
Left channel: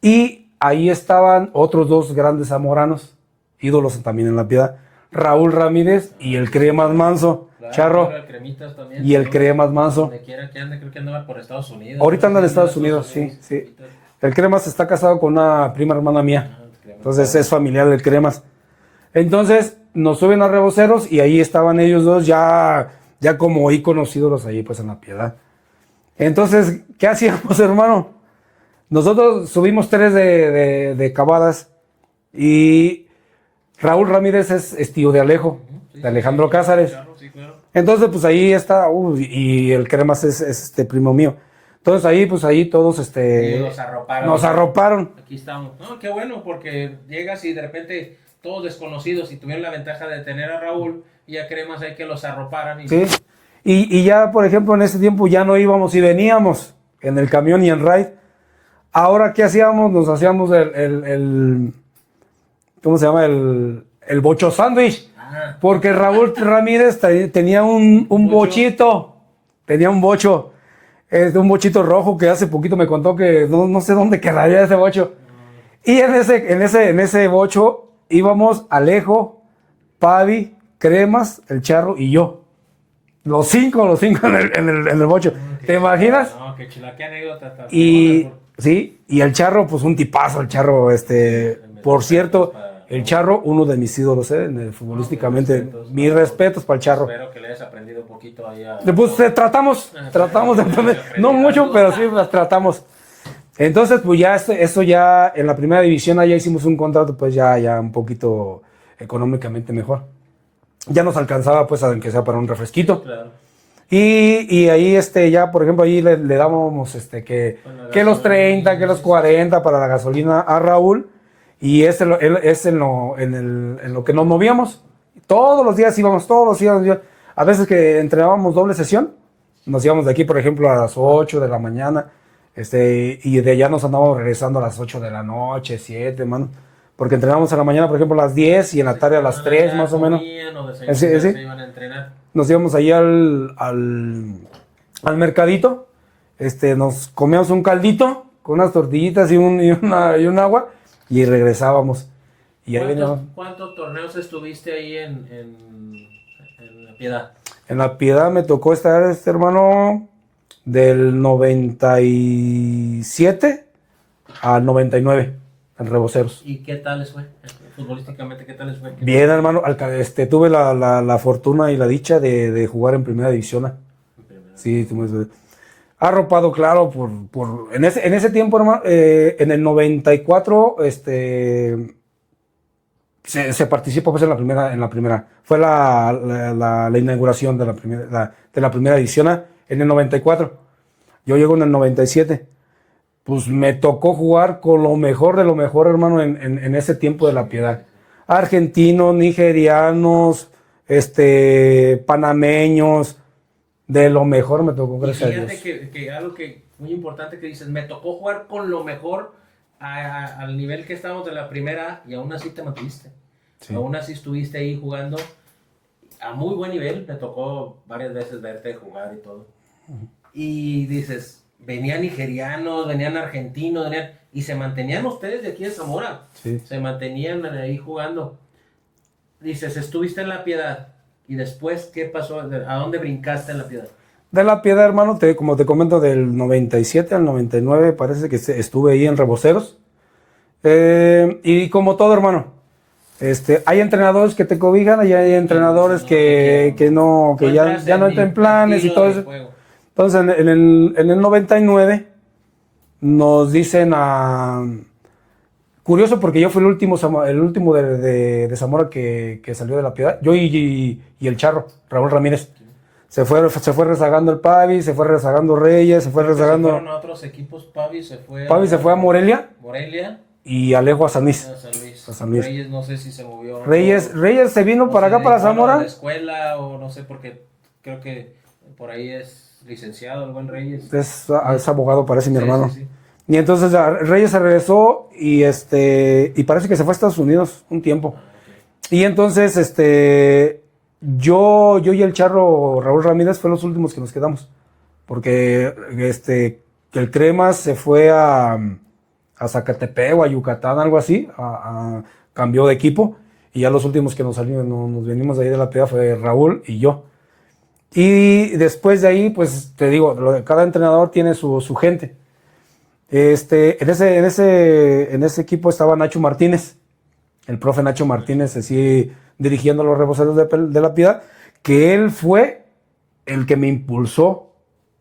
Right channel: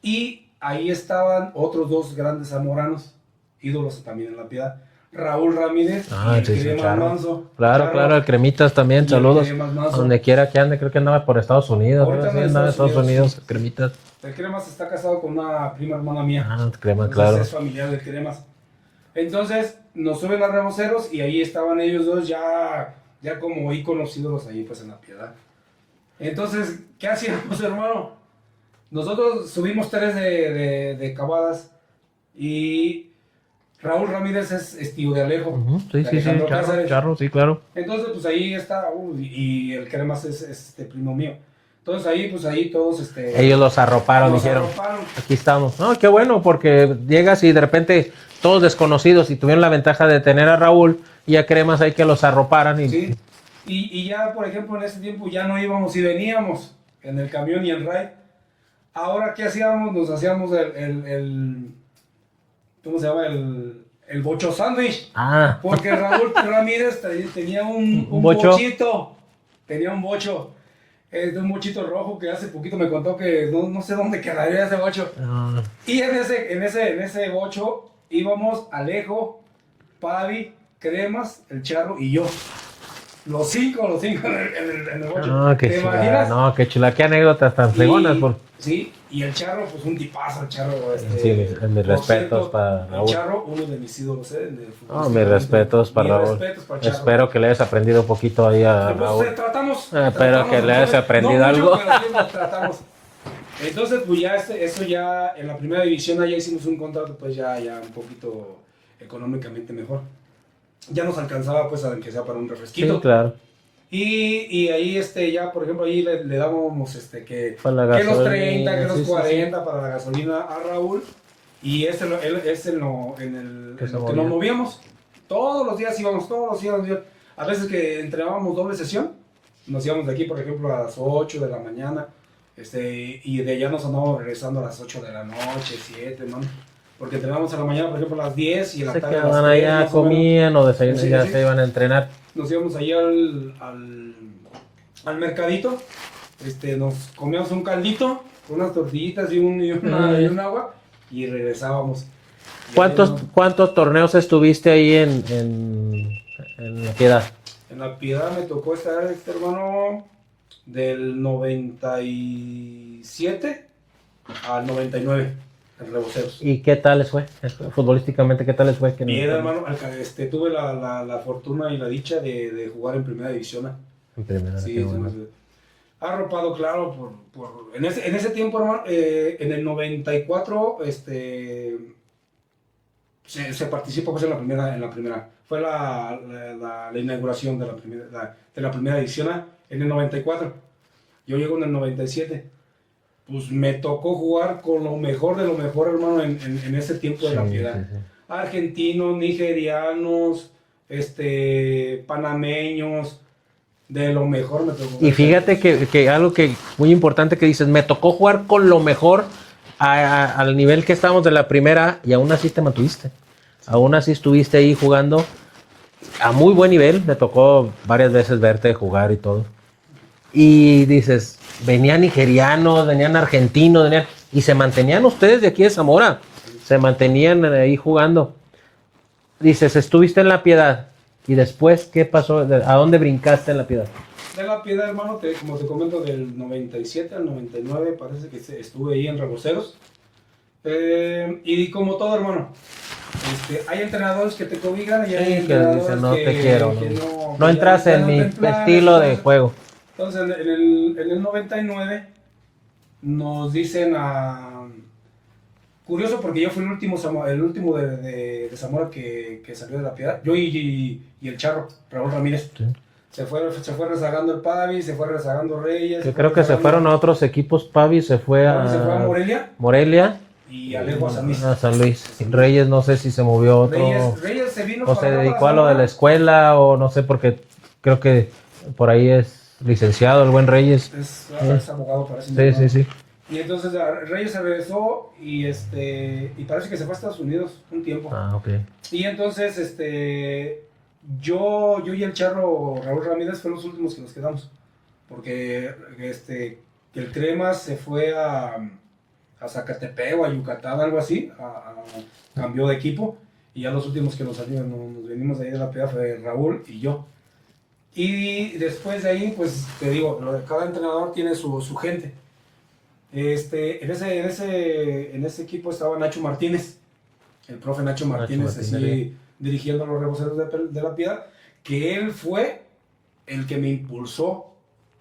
y ahí estaban otros 2 grandes zamoranos, ídolos también en La Piedad. Raúl Ramírez y el Cremas Manso. Claro, el Cremitas también. Y saludos, el Cremas Manso. Donde quiera que ande, creo que andaba por Estados Unidos. Ahorita anda en Estados Unidos. Sí. Cremitas. El Cremas está casado con una prima hermana mía. Cremas, entonces claro. Es familiar del Cremas. Entonces nos suben a Reboceros y ahí estaban ellos 2 ya como íconos ídolos ahí pues en La Piedad. Entonces, ¿qué hacíamos, hermano? Nosotros subimos 3 de Cavadas y Raúl Ramírez es tío de Alejo, de Alejandro Cázares. Sí, claro. Entonces, pues ahí está, y el Cremas es primo mío. Entonces ahí todos ellos los arroparon. Nos arroparon. Aquí estamos. No, qué bueno, porque llegas y de repente todos desconocidos y tuvieron la ventaja de tener a Raúl y a Cremas ahí que los arroparan. Sí. Y ya, por ejemplo, en ese tiempo ya no íbamos y veníamos en el camión y en ride. Ahora, ¿qué hacíamos? Nos hacíamos el ¿cómo se llama? El bocho sándwich. Porque Raúl Ramírez tenía un bochito. Tenía un bocho. Un bochito rojo que hace poquito me contó que no sé dónde quedaría ese bocho. Y en ese bocho íbamos Alejo, Pavi, Cremas, el Charro y yo. Los cinco en el bocho. No, ¿Te imaginas? No, qué chula, qué anécdotas tan fregonas. Sí, y el Charro, pues un tipazo, el Charro, por cierto, el Charro, uno de mis ídolos, futbolísticamente. Mis respetos para el Charro. Espero que le hayas aprendido un poquito ahí tratamos de aprender, no mucho, algo. pero sí, tratamos. Entonces, pues ya eso ya en la primera división ya hicimos un contrato, pues ya un poquito económicamente mejor. Ya nos alcanzaba, pues, aunque sea para un refresquito. Sí, claro. Y ahí, ya, por ejemplo, ahí le dábamos, que los 30, que los 40 para la gasolina a Raúl. Y es en lo que nos movíamos. Todos los días íbamos, A veces que entrenábamos doble sesión, nos íbamos de aquí, por ejemplo, a las 8 de la mañana. Y de allá nos andábamos regresando a las 8 de la noche, 7, man. Porque entrenábamos a la mañana, por ejemplo, a las 10 y en la tarde a las 3, más o menos. Comían o desayunaban, ya se iban a entrenar. Nos íbamos ahí al mercadito, nos comíamos un caldito con unas tortillitas y un agua y regresábamos. Y ¿Cuántos torneos estuviste ahí en La Piedad? En La Piedad me tocó estar, hermano, del 97 al 99. En Reboceros. ¿Y qué tal les fue? Futbolísticamente, ¿qué tal les fue? Bien, hermano. Tuve la fortuna y la dicha de jugar en Primera División A. En primera. Sí, bueno. Arropado, claro, en ese tiempo, hermano, en el 94, se participó pues en la primera. Fue la inauguración de la Primera División A en el 94. Yo llego en el 97. Pues me tocó jugar con lo mejor de lo mejor, hermano, en ese tiempo de La Piedad. Sí. Argentinos, nigerianos, panameños, de lo mejor me tocó. Y fíjate que algo que muy importante que dices, me tocó jugar con lo mejor al nivel que estábamos de la primera y aún así te mantuviste. Sí. Aún así estuviste ahí jugando a muy buen nivel. Me tocó varias veces verte jugar y todo. Y dices, venían nigerianos, venían argentinos, y se mantenían ustedes de aquí de Zamora. Sí. Se mantenían ahí jugando. Dices, estuviste en La Piedad. ¿Y después qué pasó? ¿A dónde brincaste en La Piedad? De La Piedad, hermano, como te comento, del 97 al 99, parece que estuve ahí en Reboceros. Y como todo, hermano, hay entrenadores que te cobijan y hay entrenadores que no entras en mi estilo de juego. Entonces, en el 99 nos dicen curioso porque yo fui el último de Zamora que salió de La Piedad. Yo y el Charro, Raúl Ramírez. Sí. Se fue rezagando el Pavi, se fue rezagando Reyes, se fueron a otros equipos. Pavi se fue a Morelia. Y Alejo a San Luis. A San Luis. Reyes no sé si se movió. Reyes se vino para acá, para Zamora. A la escuela o no sé, porque creo que por ahí es licenciado el buen Reyes. Es abogado, parece mi hermano. Sí. Y entonces Reyes se regresó y parece que se fue a Estados Unidos un tiempo. Okay. Y entonces yo y el Charro Raúl Ramírez fue los últimos que nos quedamos. Porque el Cremas se fue a Zacatepec o a Yucatán, algo así, cambió de equipo. Y ya los últimos que nos venimos de ahí de La Piedad fue Raúl y yo. Y después de ahí, pues te digo, cada entrenador tiene su gente. En ese equipo estaba Nacho Martínez, el profe Nacho Martínez, así dirigiendo los Reboceros de La Piedad, que él fue el que me impulsó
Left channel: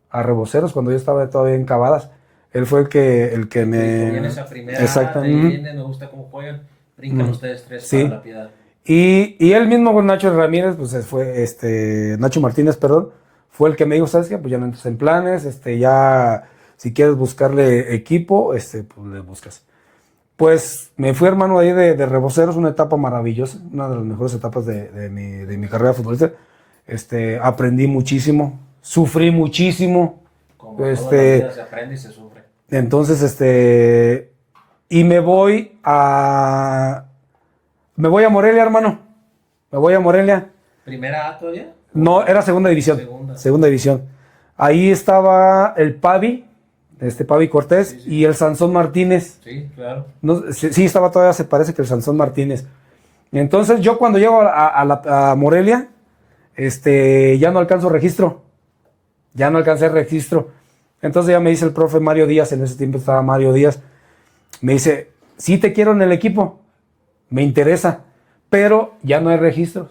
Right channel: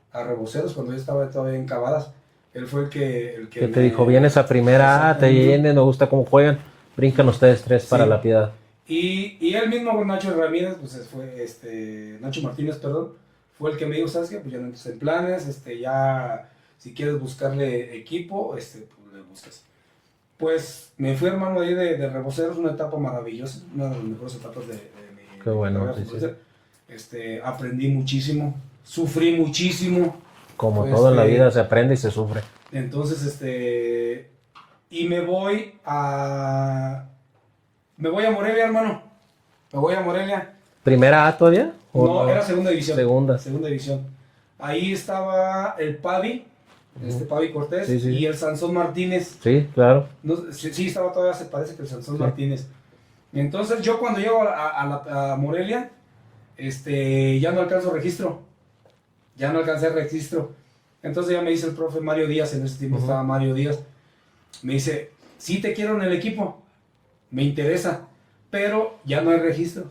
a Reboceros cuando yo estaba todavía en Cavadas. Él fue el que me dijo, vienes a primera, te vienen, me gusta cómo juegan, brincan ustedes tres para La Piedad. Y él mismo con Nacho Ramírez, pues fue Nacho Martínez, perdón, fue el que me dijo, ¿sabes qué? Pues ya no entras en planes, ya si quieres buscarle equipo, pues le buscas. Pues me fui, hermano, ahí de Reboceros, una etapa maravillosa, una de las mejores etapas de mi carrera futbolista. Aprendí muchísimo, sufrí muchísimo. Como toda la vida se aprende y se sufre. Entonces, y me voy a Morelia, hermano. Me voy a Morelia. ¿Primera A todavía? No, era segunda división. Segunda división. Ahí estaba el Pavi, Pavi Cortés, Sí, sí. y el Sansón Martínez. Sí, claro. No, sí, estaba todavía, se parece que el Sansón Martínez. Y entonces yo cuando llego a Morelia, ya no alcanzo registro. Ya no alcancé registro. Entonces ya me dice el profe Mario Díaz, en ese tiempo estaba Mario Díaz, me dice, sí te quiero en el equipo, me interesa, pero ya no hay registros.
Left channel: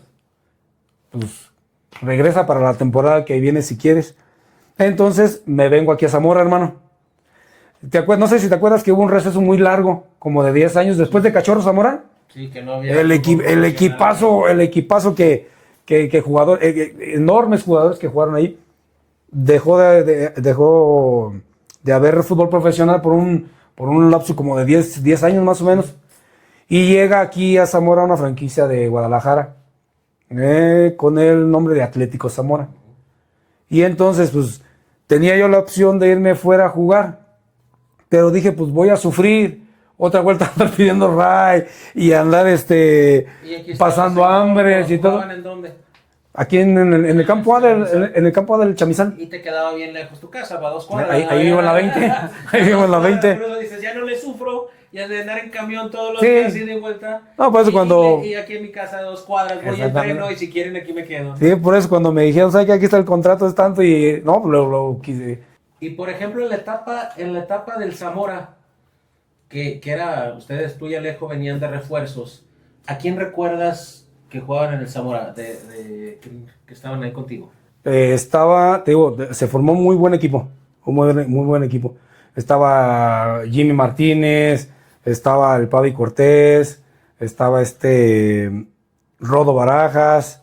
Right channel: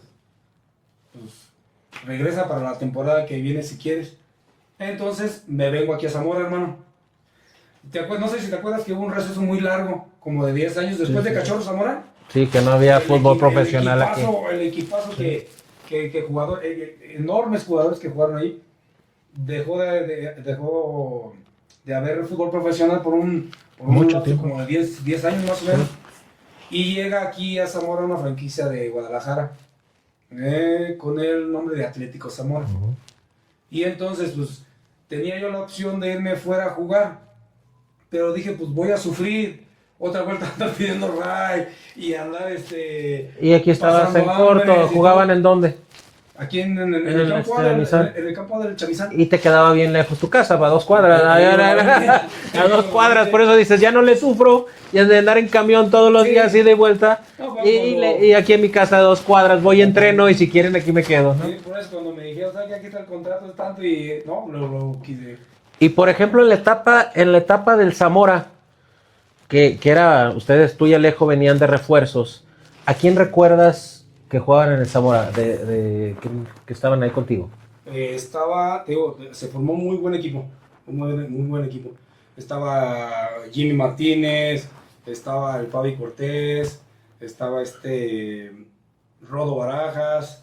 Pues regresa para la temporada que viene si quieres. Entonces me vengo aquí a Zamora, hermano. No sé si te acuerdas que hubo un receso muy largo, como de 10 años después de Cachorro Zamora. Sí, que no había El equipazo que enormes jugadores que jugaron ahí, dejó de haber fútbol profesional por un lapso como de 10 años más o menos. Y llega aquí a Zamora una franquicia de Guadalajara, con el nombre de Atlético Zamora. Y entonces, pues, tenía yo la opción de irme fuera a jugar, pero dije, pues voy a sufrir otra vuelta a andar pidiendo ray y andar Y aquí pasando hambre. ¿Jugaban en dónde? Aquí en el campo A en el campo A del Chamizán. Y te quedaba bien lejos tu casa, para 2 cuadras. Ahí vivo en la 20. A 2 cuadras, por eso dices, ya no le sufro. Y de andar en camión todos los días y de vuelta. No, por eso y aquí en mi casa de 2 cuadras voy, entreno y si quieren aquí me quedo. Sí, por eso cuando me dijeron, ¿sabes que aquí está el contrato? Es tanto y no, lo quise. Y por ejemplo, en la etapa del Zamora, que era, ustedes, tú y Alejo venían de refuerzos, ¿a quién recuerdas que jugaban en el Zamora, que estaban ahí contigo? Te digo, se formó un muy buen equipo, muy buen equipo. Estaba Jimmy Martínez, estaba el Pavi Cortés, estaba Rodo Barajas,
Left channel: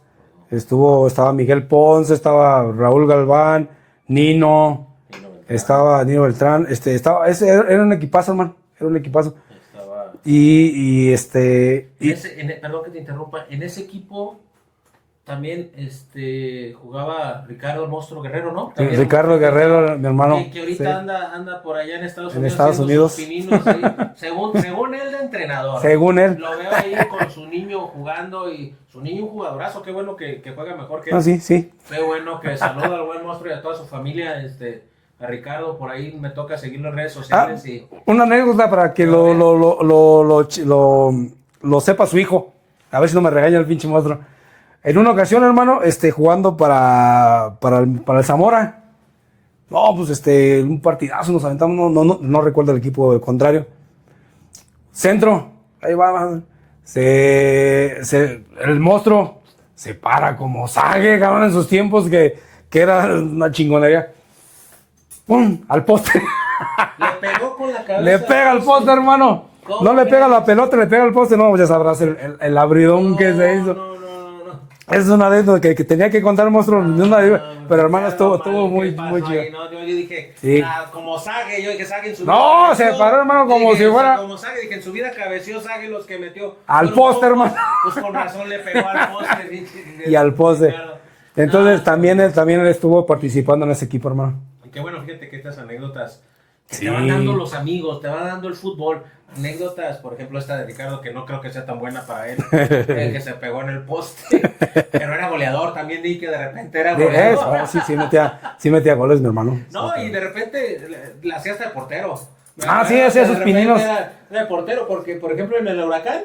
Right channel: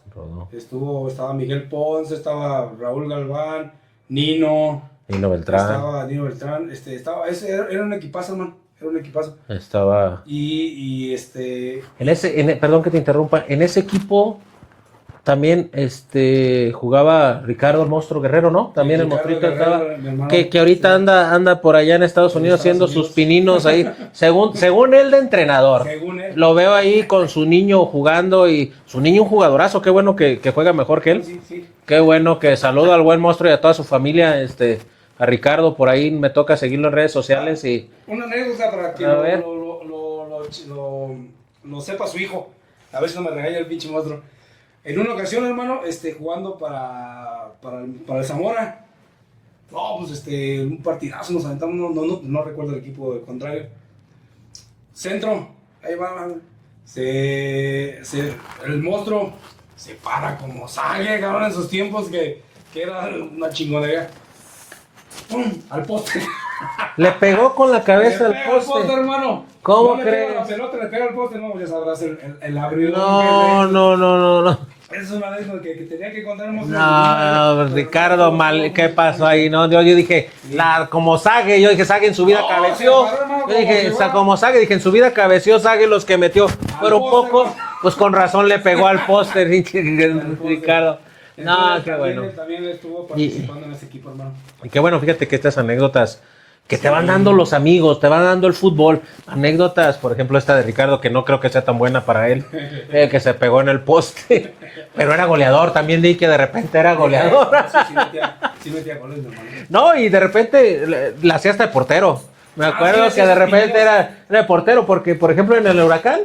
estaba Miguel Ponce, estaba Raúl Galván, Nino Beltrán. Estaba Nino Beltrán, era un equipazo, hermano. Era un equipazo. Estaba. Perdón que te interrumpa. En ese equipo también jugaba Ricardo el Monstruo Guerrero, ¿no? También Ricardo Guerrero, mi hermano. Que ahorita anda por allá en Estados Unidos haciendo sus pininos ahí. según él de entrenador. Según él. Lo veo ahí con su niño jugando y su niño un jugadorazo. Qué bueno que juega mejor que él. Sí. Qué bueno que saluda al buen Monstruo y a toda su familia. A Ricardo, por ahí me toca seguirlo en redes sociales. Una anécdota para que lo sepa su hijo. A ver si no me regaña el pinche monstruo. En una ocasión, hermano, jugando para el Zamora. No, pues un partidazo nos aventamos, no recuerdo el equipo contrario. Centro, ahí va. El monstruo se para como Sague, cabrón, en sus tiempos que era una chingonería. ¡Pum! Al poste. Le pegó con la cabeza. Le pega al poste, hermano. No le pega la pelota, le pega al poste. No, ya sabrás el abridón que es de eso. No. Es una de esas que tenía que contar el monstruo. Pero Ricardo, ¿qué pasó ahí? No, yo dije, sí. Como Sague, Sague en su vida cabeció. Se paró, hermano, como Sague, dije, en su vida cabeció Sague los que metió. Al poste, hermano. Pues con razón le pegó al poste. Y al poste. Ricardo. Entonces también él estuvo participando en ese equipo, hermano. Y qué bueno, fíjate que estas anécdotas que te van dando los amigos, te van dando el fútbol. Anécdotas, por ejemplo, esta de Ricardo, que no creo que sea tan buena para él, que se pegó en el poste, pero era goleador. También di que de repente era goleador. Sí metía goles, mi hermano. No, y de repente la hacía hasta de portero. Me acuerdo que de repente era de portero, porque, por ejemplo, en el Huracán,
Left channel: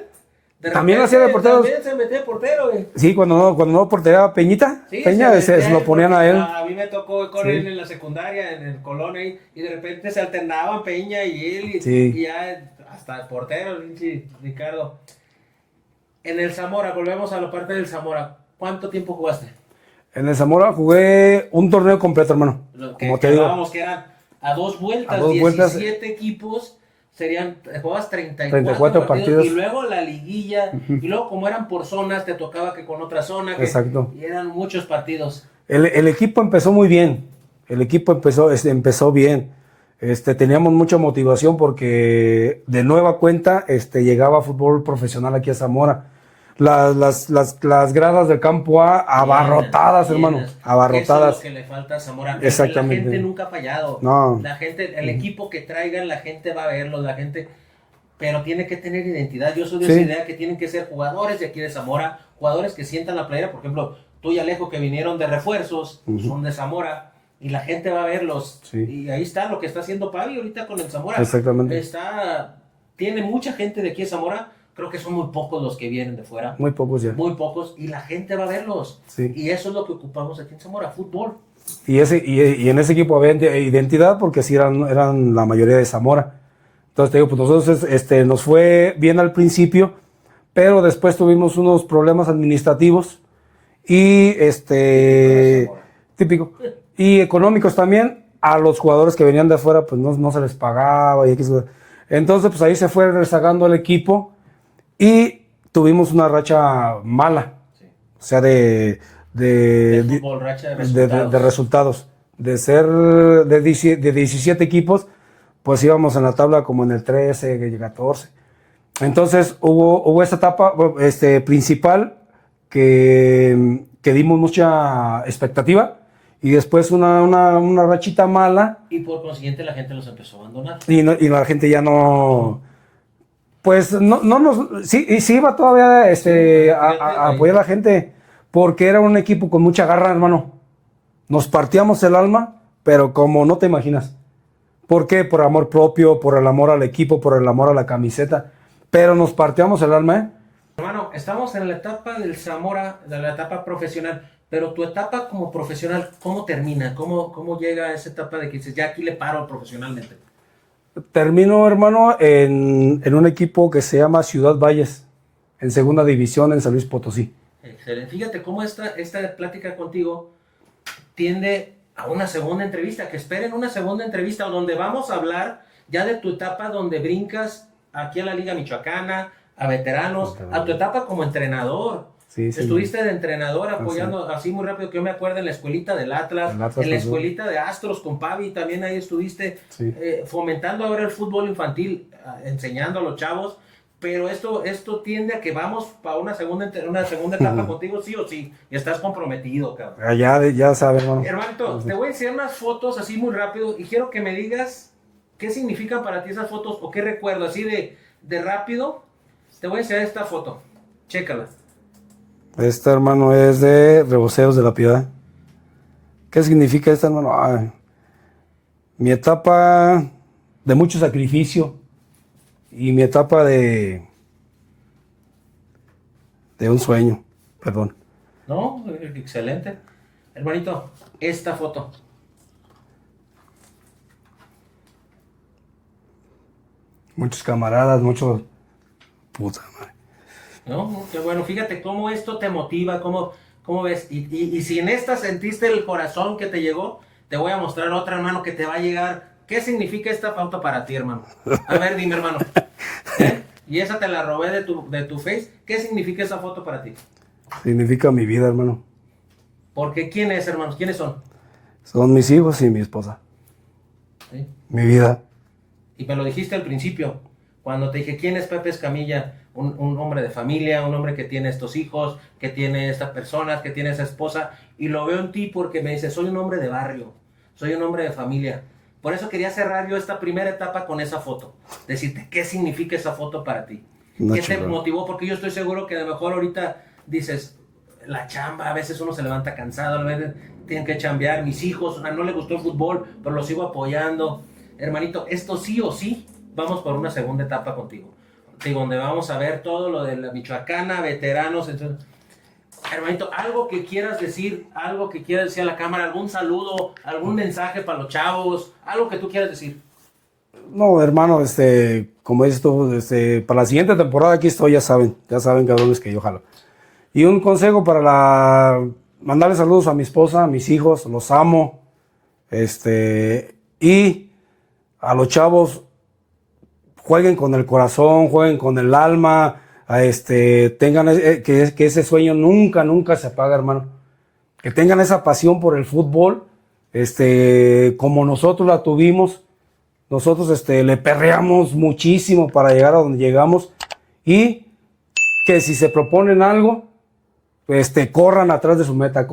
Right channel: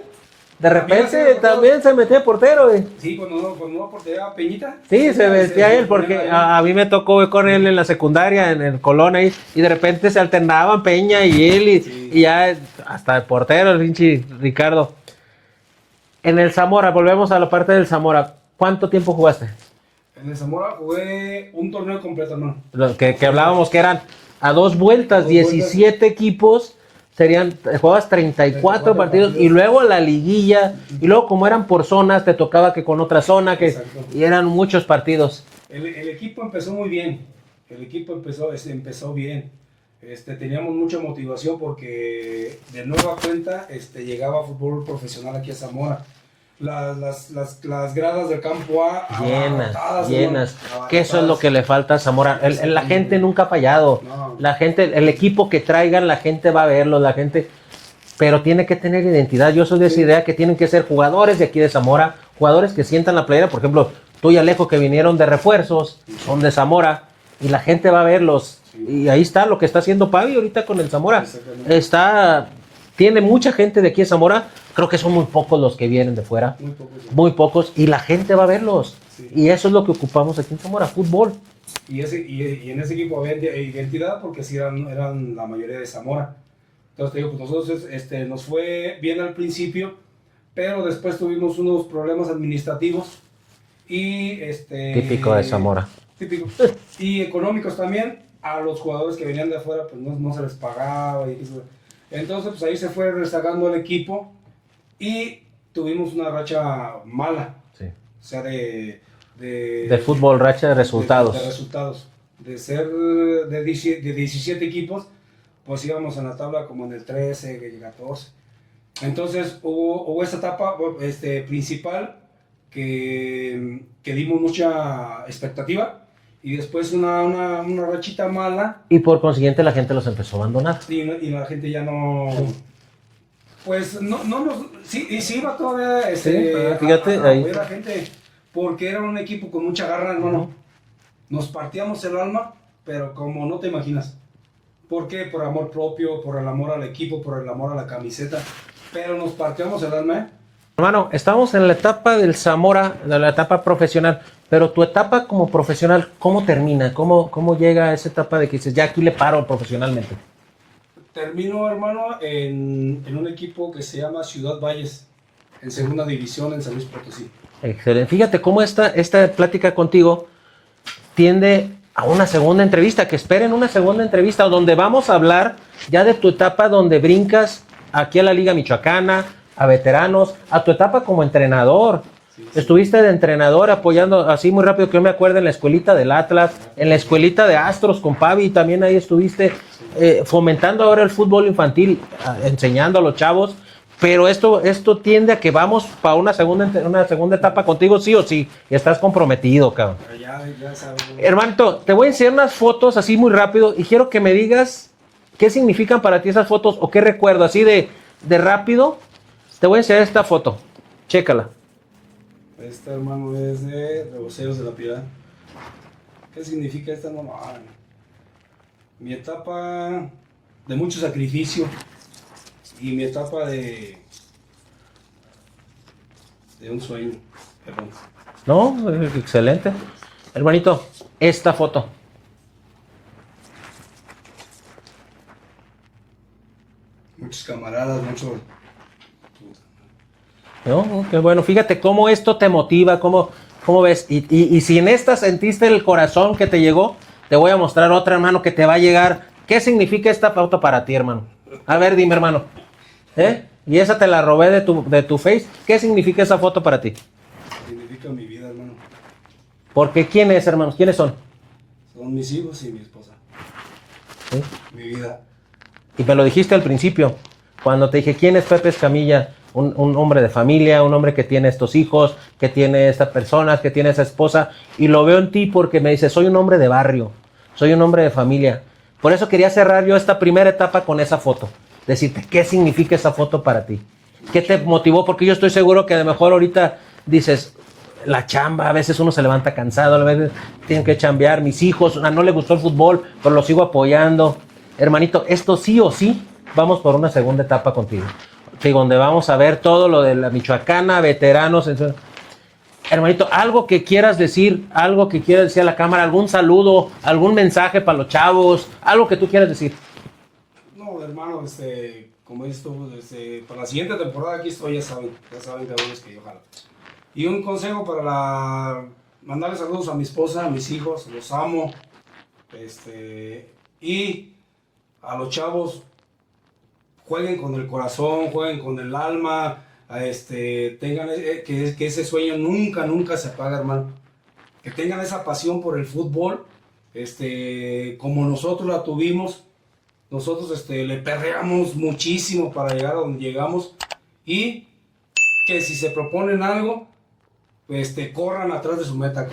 de repente también se metía portero. Sí, cuando no porteaba Peñita. Sí, se lo ponían a él. A mí me tocó con él en la secundaria, en el Colón ahí, y de repente se alternaban Peña y él, y ya hasta el portero, el pinche Ricardo. En el Zamora, volvemos a la parte del Zamora. ¿Cuánto tiempo jugaste? En el Zamora jugué un torneo completo, hermano. Que hablábamos que eran a 2 vueltas, 17 equipos. Jugabas 34 partidos y luego la liguilla, y luego como eran por zonas, te tocaba que con otra zona, y eran muchos partidos. El equipo empezó muy bien, empezó bien. Teníamos mucha motivación porque de nueva cuenta llegaba fútbol profesional aquí a Zamora. Las gradas del campo A abarrotadas, hermano. Abarrotadas. Eso es lo que le falta a Zamora. La gente nunca ha fallado. No. La gente, el equipo que traigan, la gente va a verlo, pero tiene que tener identidad. Yo soy de esa idea que tienen que ser jugadores de aquí de Zamora, jugadores que sientan la playera. Por ejemplo, tú y Alejo, que vinieron de refuerzos, son de Zamora. y la gente va a verlos. Sí. Y ahí está lo que está haciendo Pavi ahorita con el Zamora. Exactamente. Tiene mucha gente de aquí en Zamora. Creo que son muy pocos los que vienen de fuera. Muy pocos ya. Muy pocos. Y la gente va a verlos. Sí. Y eso es lo que ocupamos aquí en Zamora, fútbol. Y en ese equipo había identidad porque sí eran la mayoría de Zamora. Entonces te digo, pues nosotros nos fue bien al principio, pero después tuvimos unos problemas administrativos y Típico de Zamora. típico. Y económicos también. A los jugadores que venían de afuera pues no se les pagaba. Entonces pues ahí se fue rezagando el equipo y tuvimos una racha mala. Sí. O sea, de fútbol, racha de resultados. De resultados. De ser de 17 equipos, pues íbamos en la tabla como en el 13, 14. Entonces hubo esta etapa principal que dimos mucha expectativa y después una rachita mala. Y por consiguiente la gente los empezó a abandonar. Y la gente ya no... Pues sí iba todavía a apoyar a la gente porque era un equipo con mucha garra, hermano. Nos partíamos el alma, pero como no te imaginas. ¿Por qué? Por amor propio, por el amor al equipo, por el amor a la camiseta. Pero nos partíamos el alma, ¿eh? Hermano, estamos en la etapa del Zamora, de la etapa profesional, pero tu etapa como profesional, ¿cómo termina? ¿Cómo llega a esa etapa de que dices, ya aquí le paro profesionalmente? Termino, hermano, en un equipo que se llama Ciudad Valles, en segunda división en San Luis Potosí. Excelente. Fíjate cómo esta plática contigo tiende a una segunda entrevista, que esperen una segunda entrevista donde vamos a hablar ya de tu etapa donde brincas aquí a la Liga Michoacana, a veteranos, a tu etapa como entrenador. Sí. Estuviste de entrenador apoyando, sí, así muy rápido que yo me acuerdo, en la escuelita del Atlas, en la escuelita de Astros con Pavi, también ahí estuviste sí. Fomentando ahora el fútbol infantil, enseñando a los chavos, pero esto tiende a que vamos para una segunda etapa contigo, sí o sí, y estás comprometido, cabrón. Ya sabes, hermano. Hermanito, te voy a enseñar unas fotos así muy rápido y quiero que me digas qué significan para ti esas fotos o qué recuerdo, así de rápido. Te voy a enseñar esta foto, chécala. Esta, hermano, es de Reboceos de la Piedad. ¿Qué significa esta, hermano? Mi etapa de mucho sacrificio y mi etapa de un sueño, perdón. No, excelente. Hermanito, esta foto. Muchos camaradas, muchos... Puta madre. No, qué bueno. Fíjate cómo esto te motiva, cómo ves. Y si en esta sentiste el corazón que te llegó, te voy a mostrar otra, hermano, que te va a llegar. ¿Qué significa esta foto para ti, hermano? A ver, dime, hermano. Y esa te la robé de tu Face. ¿Qué significa esa foto para ti? Significa mi vida, hermano. Porque ¿quién es, hermanos? ¿Quiénes son? Son mis hijos y mi esposa. ¿Sí? Mi vida. Y me lo dijiste al principio, cuando te dije, ¿quién es Pepe Escamilla? Un hombre de familia, un hombre que tiene estos hijos, que tiene estas personas, que tiene esa esposa. Y lo veo en ti porque me dices, soy un hombre de barrio, soy un hombre de familia. Por eso quería cerrar yo esta primera etapa con esa foto. Decirte, ¿qué significa esa foto para ti? ¿Qué te motivó? Porque yo estoy seguro que a lo mejor ahorita dices, la chamba, a veces uno se levanta cansado, a veces tienen que chambear, mis hijos, no le gustó el fútbol, pero lo sigo apoyando. Hermanito, esto sí o sí, vamos por una segunda etapa contigo. Sí, donde vamos a ver todo lo de la Michoacana, veteranos. Hermanito, algo que quieras decir a la cámara, algún saludo, algún mensaje para los chavos, algo que tú quieras decir. No, hermano, como dices tú, para la siguiente temporada aquí estoy, ya saben, cabrones, que yo jalo. Y un consejo mandarle saludos a mi esposa, a mis hijos, los amo. Y a los chavos, jueguen con el corazón, jueguen con el alma, tengan que ese sueño nunca se apaga, hermano. Que tengan esa pasión por el fútbol, como nosotros la tuvimos. Nosotros le perreamos muchísimo para llegar a donde llegamos. Y que si se proponen algo, corran atrás de su meta,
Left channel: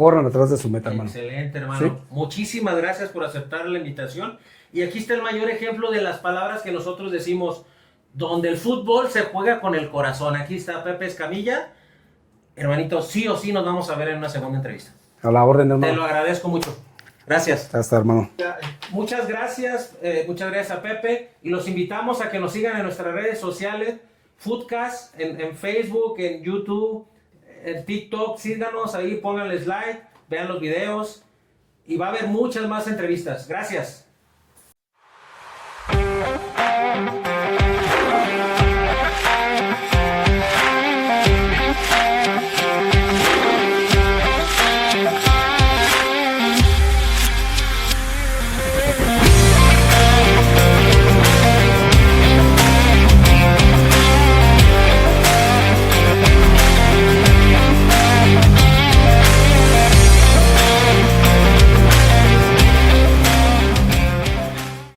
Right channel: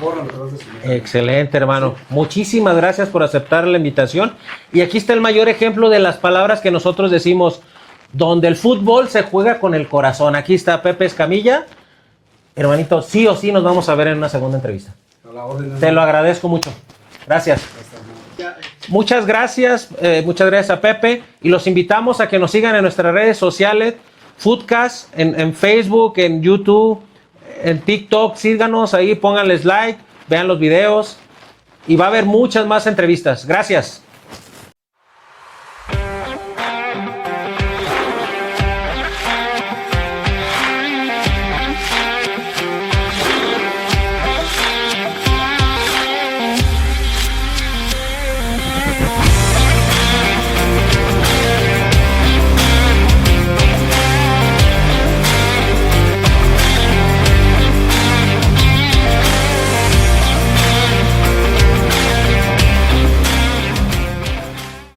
Excelente, hermano. Sí. Muchísimas gracias por aceptar la invitación. Y aquí está el mayor ejemplo de las palabras que nosotros decimos, donde el fútbol se juega con el corazón. Aquí está Pepe Escamilla. Hermanito, sí o sí nos vamos a ver en una segunda entrevista. A la orden, hermano. Te lo agradezco mucho. Gracias. Hasta, hermano. Muchas gracias a Pepe y los invitamos a que nos sigan en nuestras redes sociales, Foodcast, en Facebook, en YouTube, en TikTok, síganos ahí, pónganles like, vean los videos y va a haber muchas más entrevistas. Gracias.